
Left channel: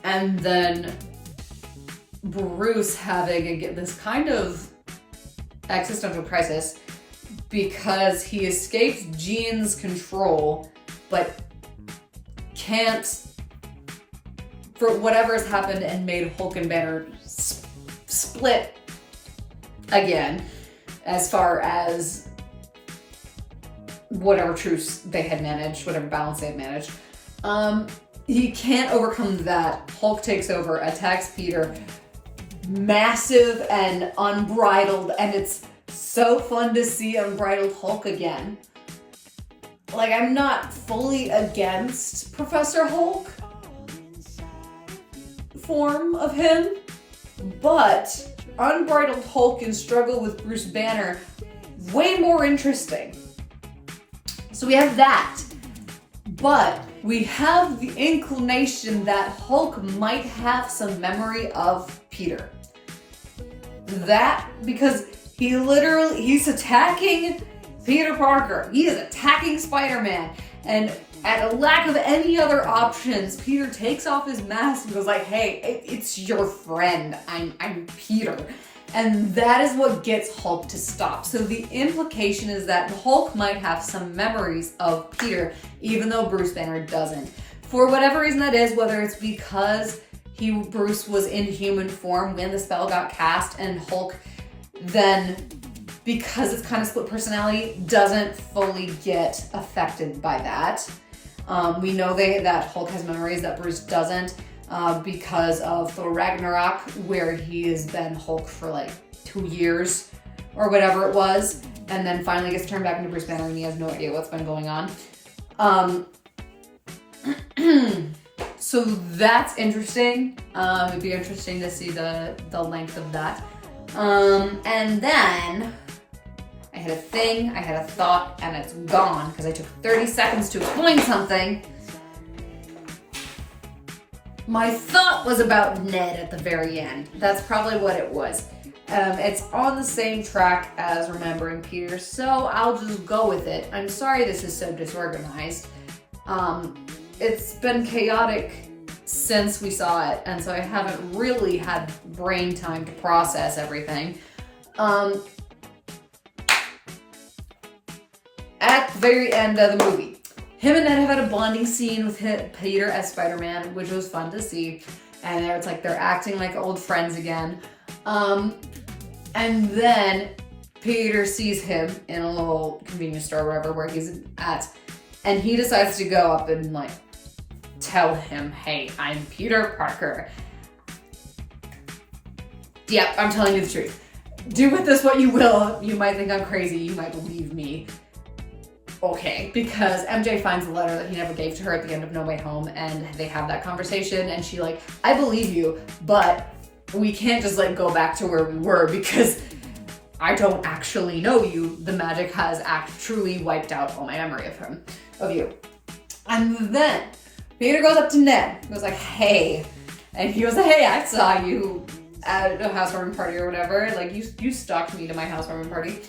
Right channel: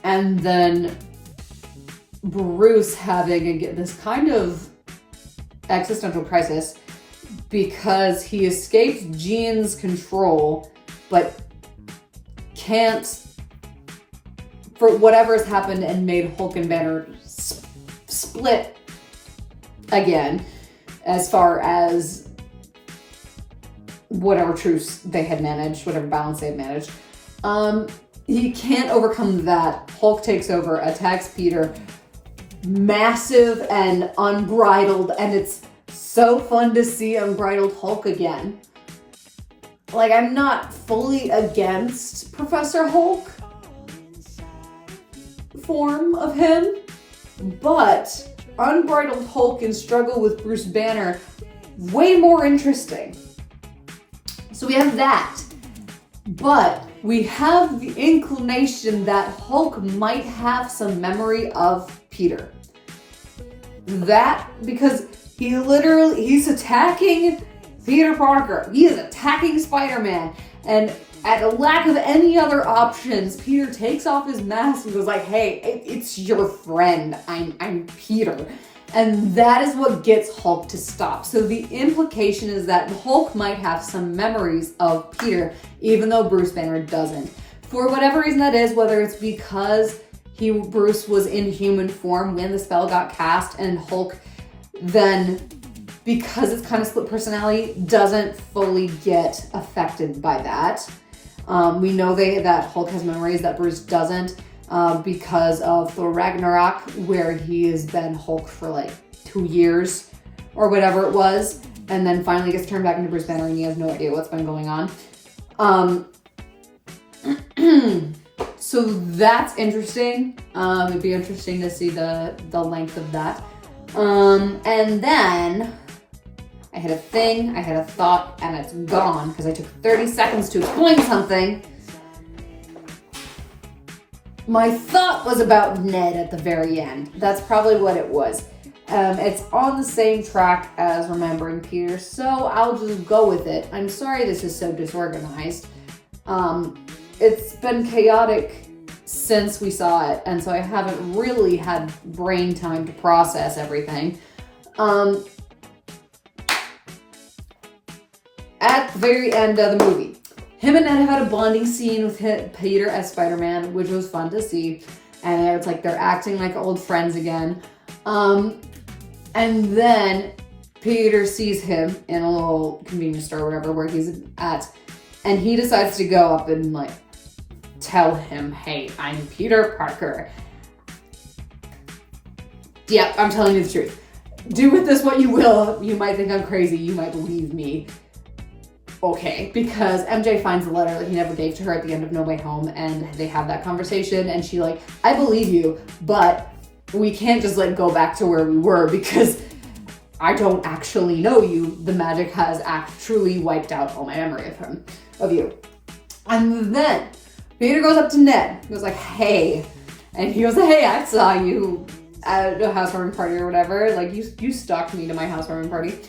And then Bruce having this kind of existential crisis because he escapes Jean's control, but can't, for whatever has happened and made Hulk and Banner split again, as far as whatever truce they had managed, whatever balance they had managed. He can't overcome that. Hulk takes over, attacks Peter, massive and unbridled, and it's so fun to see unbridled Hulk again. Like, I'm not fully against Professor Hulk form of him, but unbridled Hulk and struggle with Bruce Banner, way more interesting. So we have that, but we have the inclination that Hulk might have some memory of Peter. That, because he's attacking Peter Parker. He is attacking Spider-Man. And at a lack of any other options, Peter takes off his mask and goes like, hey, it's your friend. I'm Peter. And that is what gets Hulk to stop. So the implication is that Hulk might have some memories of Peter, even though Bruce Banner doesn't. For whatever reason that is, whether it's because Bruce was in human form when the spell got cast, and Hulk then, because it's kind of split personality, doesn't fully get affected by that. We know that Hulk has memories that Bruce doesn't. Because of Thor Ragnarok, where he has been Hulk for like 2 years or whatever it was, and then finally gets turned back into Bruce Banner and he has no idea what's been going on. So that's interesting. It'd be interesting to see the length of that. And then I had a thought, and it's gone because I took 30 seconds to explain something. My thought was about Ned at the very end. That's probably what it was. It's on the same track as Remembering Peter, so I'll just go with it. I'm sorry this is so disorganized. It's been chaotic since we saw it, and so I haven't really had brain time to process everything. At the very end of the movie, him and Ned have had a bonding scene with Peter as Spider-Man, which was fun to see. And it's like they're acting like old friends again. And then Peter sees him in a little convenience store, wherever where he's at. And he decides to go up and like tell him, hey, I'm Peter Parker. Yep, I'm telling you the truth. Do with this what you will. You might think I'm crazy. You might believe me. Okay, because MJ finds a letter that he never gave to her at the end of No Way Home, and they have that conversation, and she like, I believe you, but we can't just like go back to where we were because I don't actually know you. The magic has truly wiped out all my memory of you. And then Peter goes up to Ned, goes like, hey, and he goes, hey, I saw you at a housewarming party or whatever, like you stalked me to my housewarming party.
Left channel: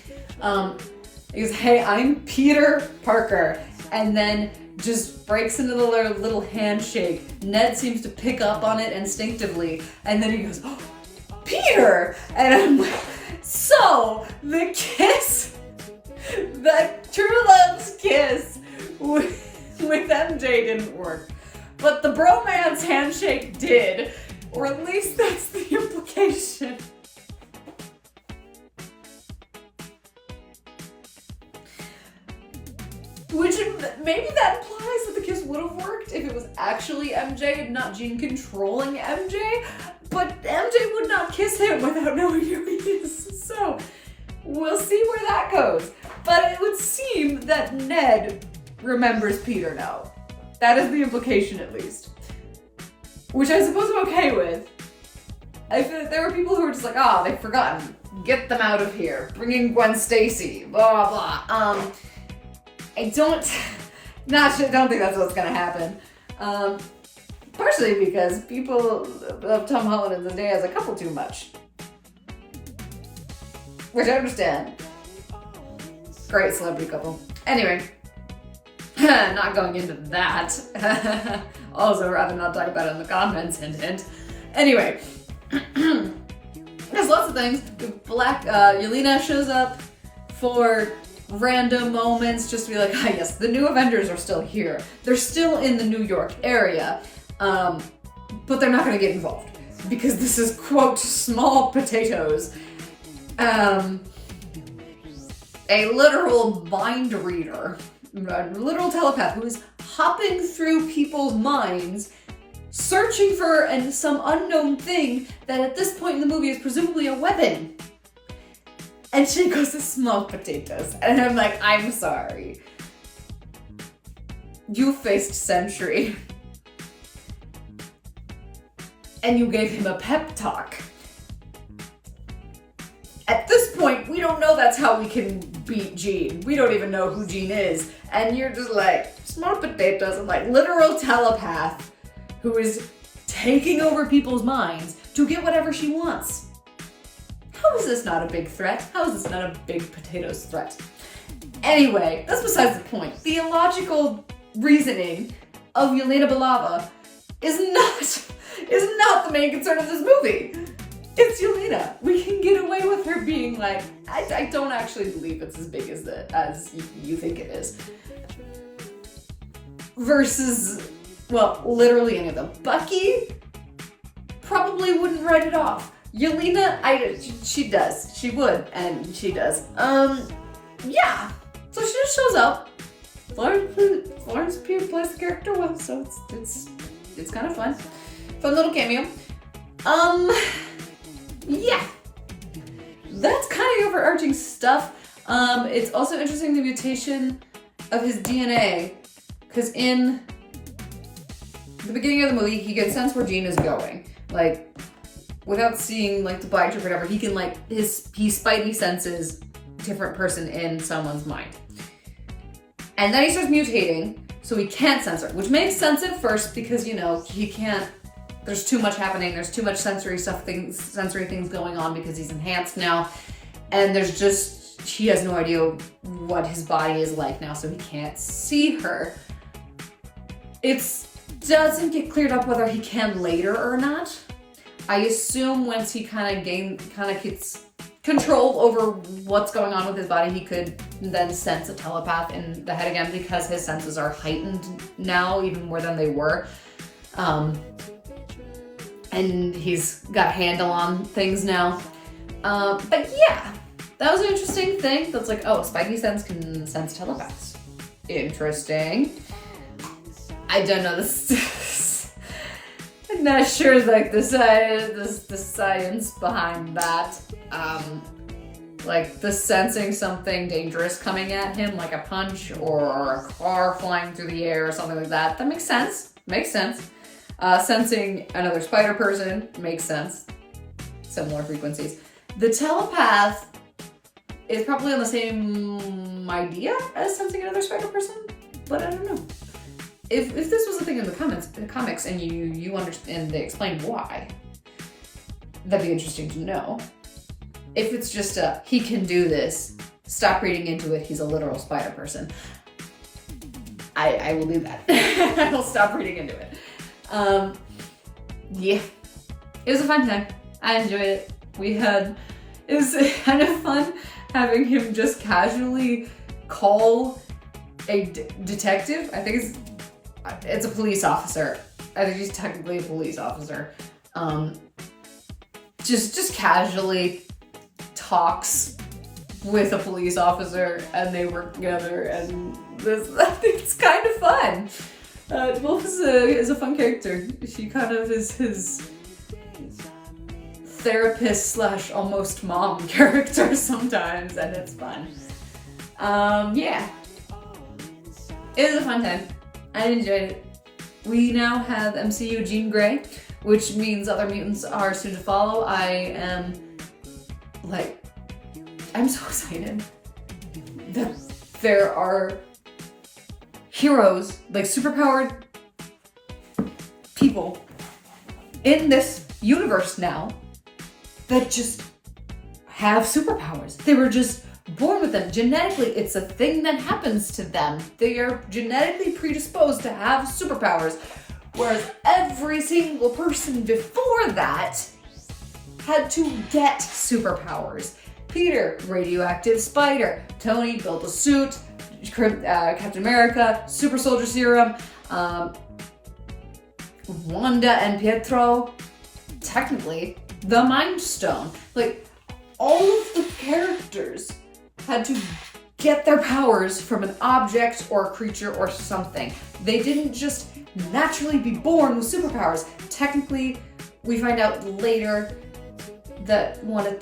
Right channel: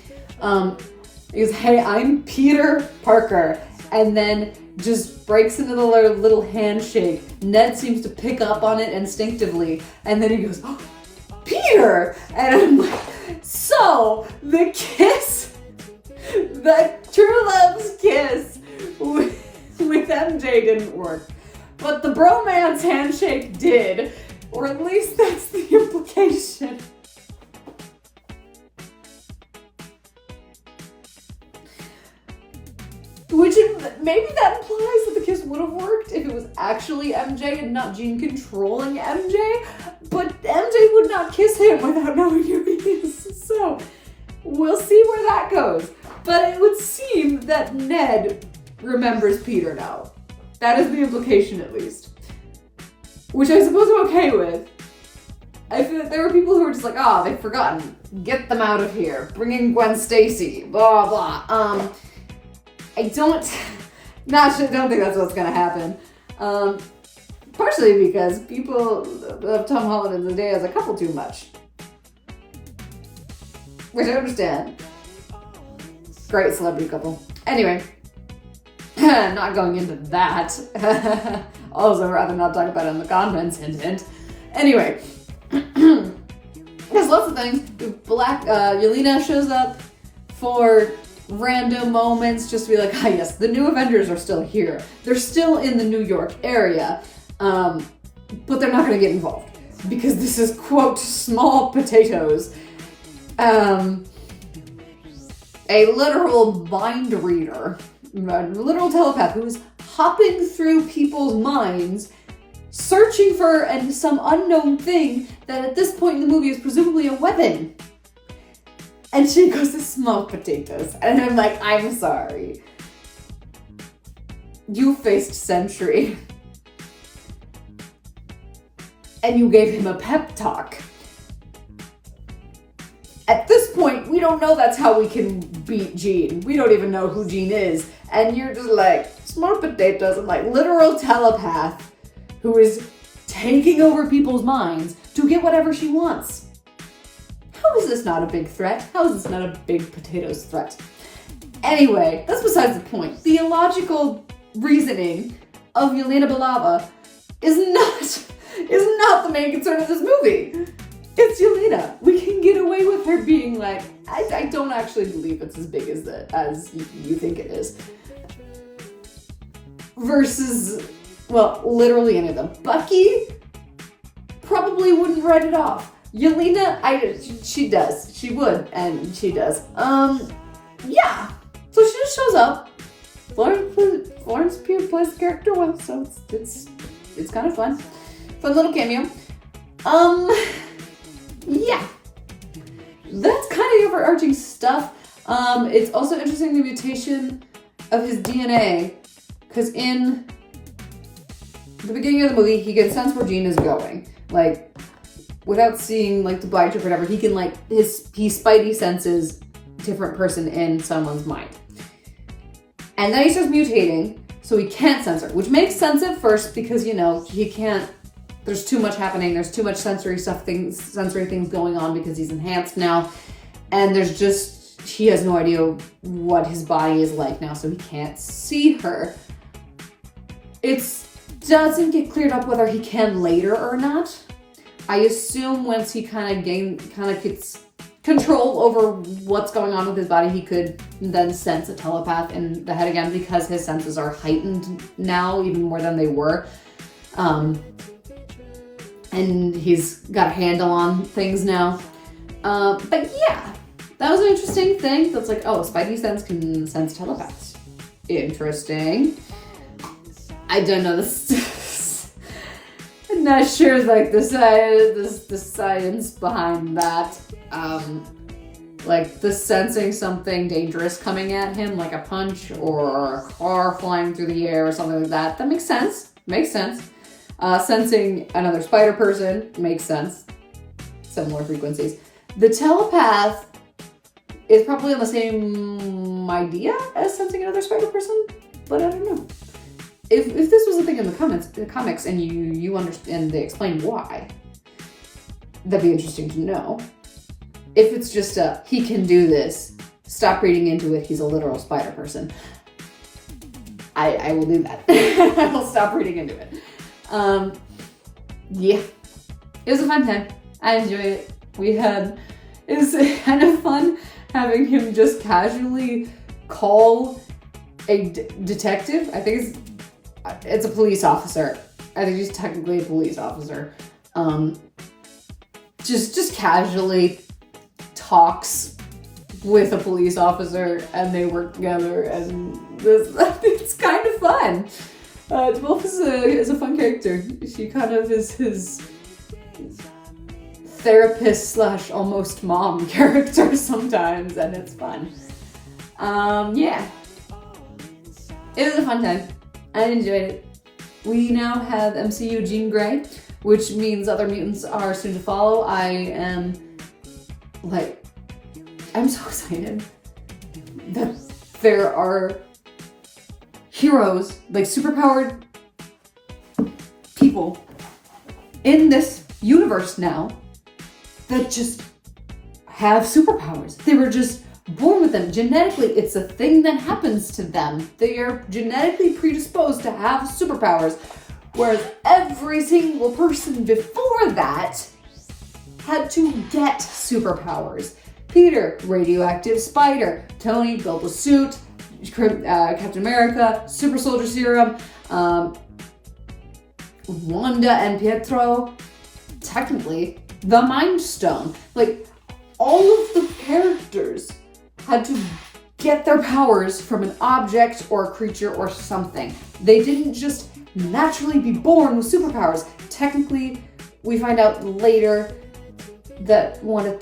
He goes, hey, I'm Peter Parker. And then just breaks into the little handshake. Ned seems to pick up on it instinctively. And then he goes, oh, Peter! And I'm like, so the kiss, the true love's kiss with MJ didn't work. But the bromance handshake did. Or at least that's the implication. maybe that implies that the kiss would have worked if it was actually MJ and not Jean controlling MJ, but MJ would not kiss him without knowing who he is, so we'll see where that goes. But it would seem that Ned remembers Peter now. That is the implication, at least. Which I suppose I'm okay with. I feel like there were people who were just like, they've forgotten. Get them out of here. Bring in Gwen Stacy. Blah, blah. I don't think that's what's gonna happen. Partially because people love Tom Holland and Zendaya as a couple too much. Which I understand. Great celebrity couple. Anyway, not going into that. Also, rather not talk about it in the comments, hint, hint. Anyway, there's lots of things. Yelena shows up for random moments, just to be like, yes, the new Avengers are still here. They're still in the New York area, but they're not going to get involved because this is, quote, small potatoes. A literal mind reader, a literal telepath who is hopping through people's minds, searching for some unknown thing that at this point in the movie is presumably a weapon. And she goes to small potatoes. And I'm like, I'm sorry. You faced Sentry. And you gave him a pep talk. At this point, we don't know that's how we can beat Jean. We don't even know who Jean is. And you're just like, small potatoes. I'm like, literal telepath who is taking over people's minds to get whatever she wants. How is this not a big threat? How is this not a big potatoes threat? Anyway, that's besides the point. The illogical reasoning of Yelena Belova is not the main concern of this movie. It's Yelena. We can get away with her being like, I don't actually believe it's as big as you think it is. Versus, well, literally any of them. Bucky probably wouldn't write it off. Yelena, she does. She would, and she does. Yeah. So she just shows up. Florence Pugh plays the character well, so it's kind of fun. Fun little cameo. Yeah. That's kind of the overarching stuff. It's also interesting the mutation of his DNA, because in the beginning of the movie, he can sense where Jean is going. Like, without seeing, like, the blind or whatever, he can, like, he spidey senses different person in someone's mind. And then he starts mutating, so he can't sense her, which makes sense at first because, you know, he can't, there's too much happening, there's too much sensory things going on because he's enhanced now, and there's just, he has no idea what his body is like now, so he can't see her. It doesn't get cleared up whether he can later or not. I assume once he kind of gets control over what's going on with his body, he could then sense a telepath in the head again because his senses are heightened now even more than they were. And he's got a handle on things now. But yeah, that was an interesting thing. That's like, oh, Spidey sense can sense telepaths. Interesting. I don't know this. I'm not sure, like, the science behind that. Like, the sensing something dangerous coming at him, like a punch or a car flying through the air or something like that. That makes sense. Makes sense. Sensing another spider person makes sense. Similar frequencies. The telepath is probably on the same idea as sensing another spider person, but I don't know. If this was a thing in the comics and you understand, they explain why, that'd be interesting to know. If it's just he can do this, stop reading into it, he's a literal spider person, I will do that. I will stop reading into it. Yeah, it was a fun time. I enjoyed it. It was kind of fun having him just casually call a detective. I think it's a police officer. I think he's technically a police officer. Just casually talks with a police officer, and they work together, and it's kind of fun. Wolf is a fun character. She kind of is his therapist / almost mom character sometimes, and it's fun. Yeah. It was a fun time. I enjoyed it. We now have MCU Jean Grey, which means other mutants are soon to follow. I'm so excited that there are heroes, like superpowered people in this universe now that just have superpowers. They were just born with them. Genetically, it's a thing that happens to them. They are genetically predisposed to have superpowers, whereas every single person before that had to get superpowers. Peter, radioactive spider. Tony built a suit. Captain America, super soldier serum. Wanda and Pietro, technically, the Mind Stone. Like, all of the characters had to get their powers from an object or a creature or something. They didn't just naturally be born with superpowers. Technically, we find out later that one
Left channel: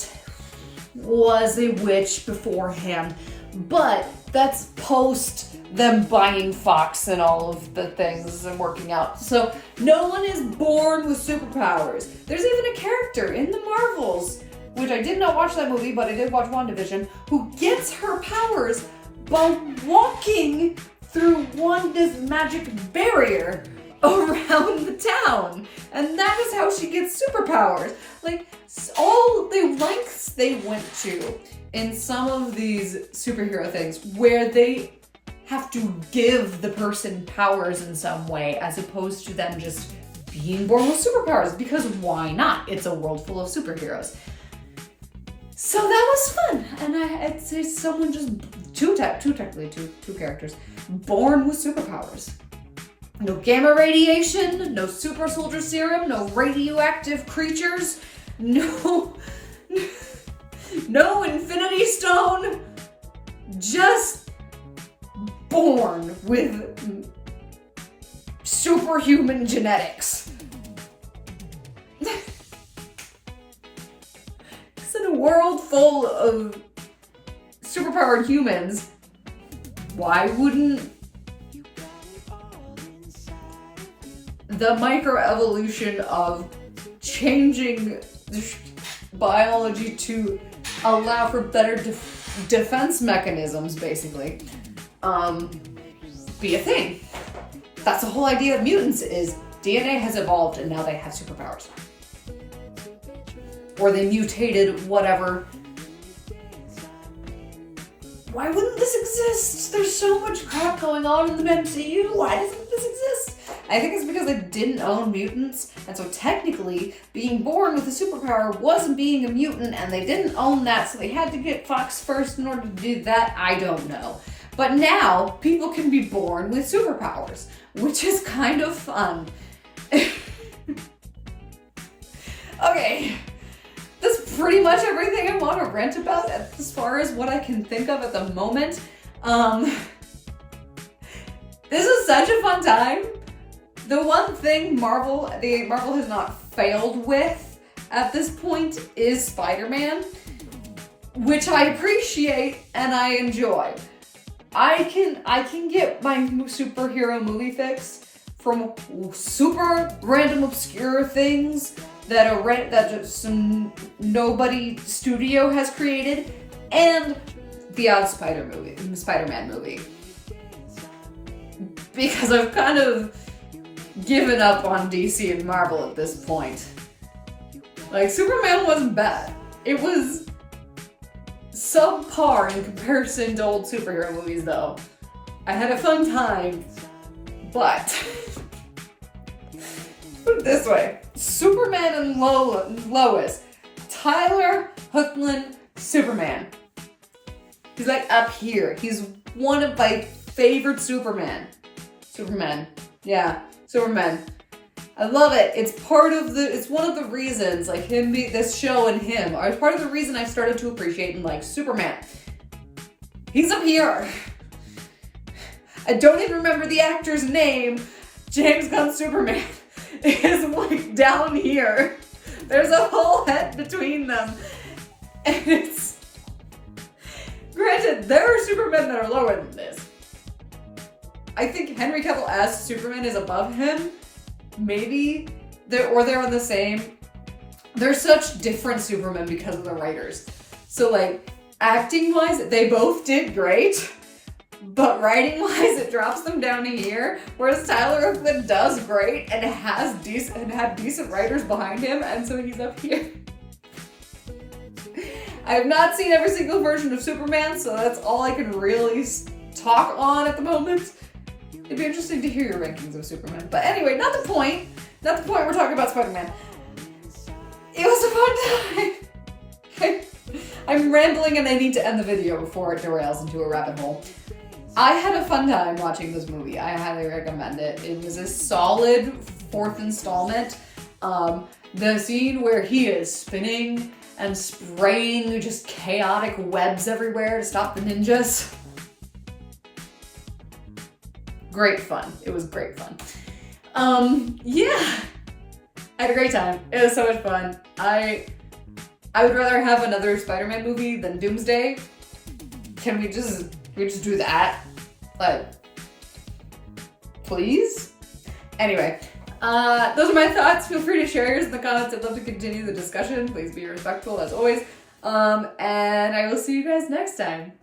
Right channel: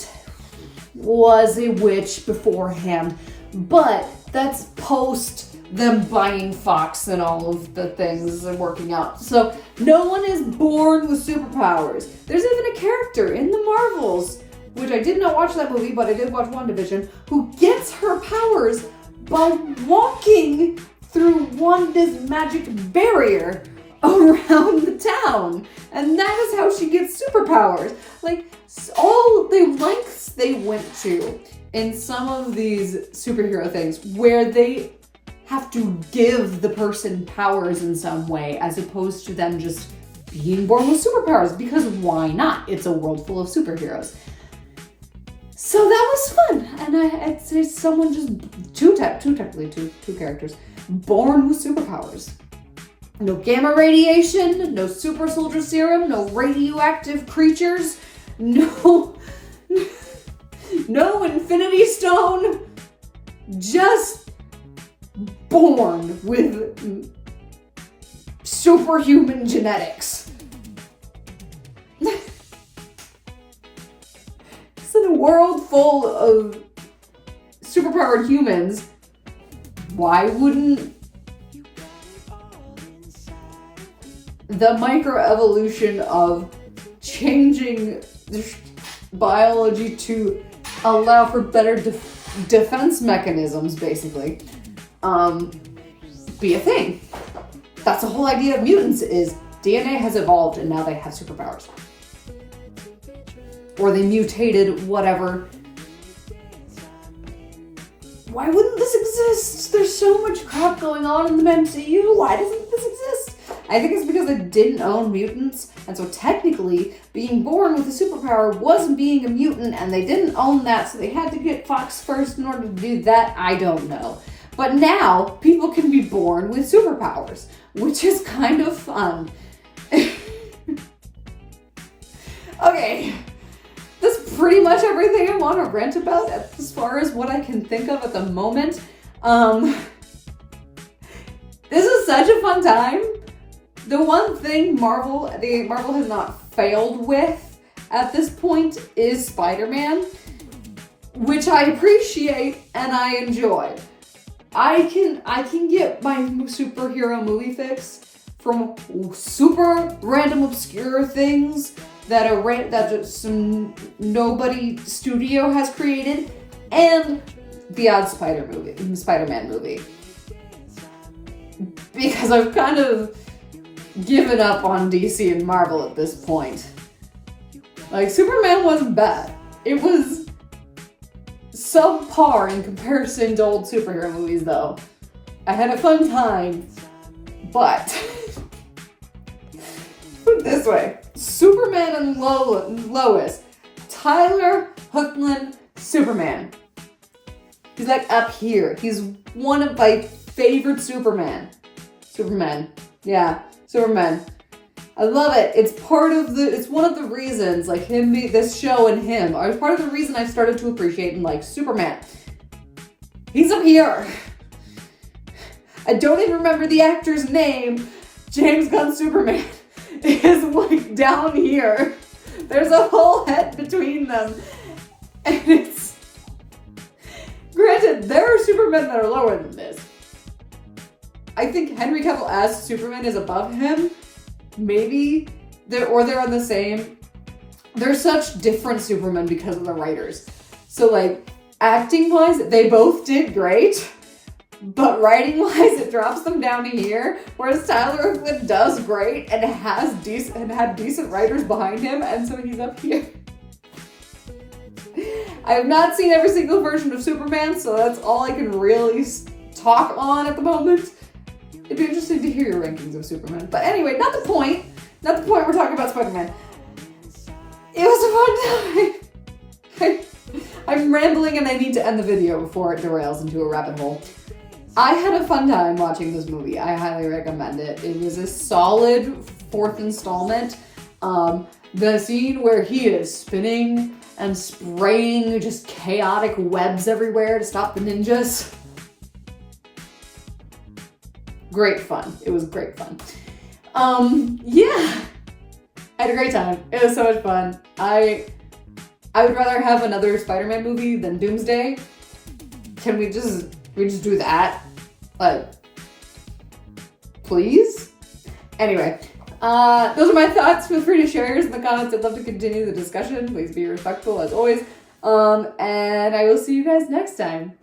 was a witch beforehand, but that's post them buying Fox and all of the things and working out. So no one is born with superpowers. There's even a character in the Marvels, which I did not watch that movie, but I did watch WandaVision, who gets her powers by walking through Wanda's magic barrier around the town. And that is how she gets superpowers. Like, all the lengths they went to in some of these superhero things where they have to give the person powers in some way as opposed to them just being born with superpowers, because why not? It's a world full of superheroes. So that was fun, and it's someone just two characters born with superpowers. No gamma radiation, no super soldier serum, no radioactive creatures, no infinity stone, just born with superhuman genetics. It's in a world full of superpowered humans. Why wouldn't the microevolution of changing the biology to allow for better defense mechanisms, basically, be a thing? That's the whole idea of mutants, is DNA has evolved and now they have superpowers. Or they mutated, whatever. Why wouldn't this exist? There's so much crap going on in the MCU. Why doesn't this exist? I think it's because they didn't own mutants, and so technically being born with a superpower wasn't being a mutant, and they didn't own that, so they had to get Fox first in order to do that. I don't know. But now people can be born with superpowers, which is kind of fun. Okay. That's pretty much everything I want to rant about as far as what I can think of at the moment. This is such a fun time. The one thing Marvel has not failed with at this point is Spider-Man, which I appreciate and I enjoy. I can get my superhero movie fix from super random obscure things that just some nobody studio has created, and the odd Spider-Man movie. Because I've kind of given up on DC and Marvel at this point. Like, Superman wasn't bad. It was subpar in comparison to old superhero movies, though. I had a fun time, but put it this way. Superman and Lois. Tyler Hoechlin, Superman. He's like up here. He's one of my favorite Supermen. Yeah, Superman. I love it. It's one of the reasons, like this show and him, are part of the reason I started to appreciate and like Superman. He's up here. I don't even remember the actor's name. James Gunn's Superman is like down here. There's a whole head between them. And it's... Granted, there are Supermen that are lower than this. I think Henry Cavill as Superman is above him. Maybe. They're on the same. They're such different Supermen because of the writers. So like, acting-wise, they both did great. But writing-wise, it drops them down to here. Whereas Tyler Hoechlin does great and had decent writers behind him, and so he's up here. I have not seen every single version of Superman, so that's all I can really talk on at the moment. It'd be interesting to hear your rankings of Superman. But anyway, not the point. Not the point, we're talking about Spider-Man. It was a fun time. I'm rambling and I need to end the video before it derails into a rabbit hole. I had a fun time watching this movie. I highly recommend it. It was a solid 4th installment. The scene where he is spinning and spraying just chaotic webs everywhere to stop the ninjas. Great fun. It was great fun. Yeah. I had a great time. It was so much fun. I would rather have another Spider-Man movie than Doomsday. Can we just do that? Like, please? Anyway, those are my thoughts. Feel free to share yours in the comments. I'd love to continue the discussion. Please be respectful as always. And I will see you guys next time.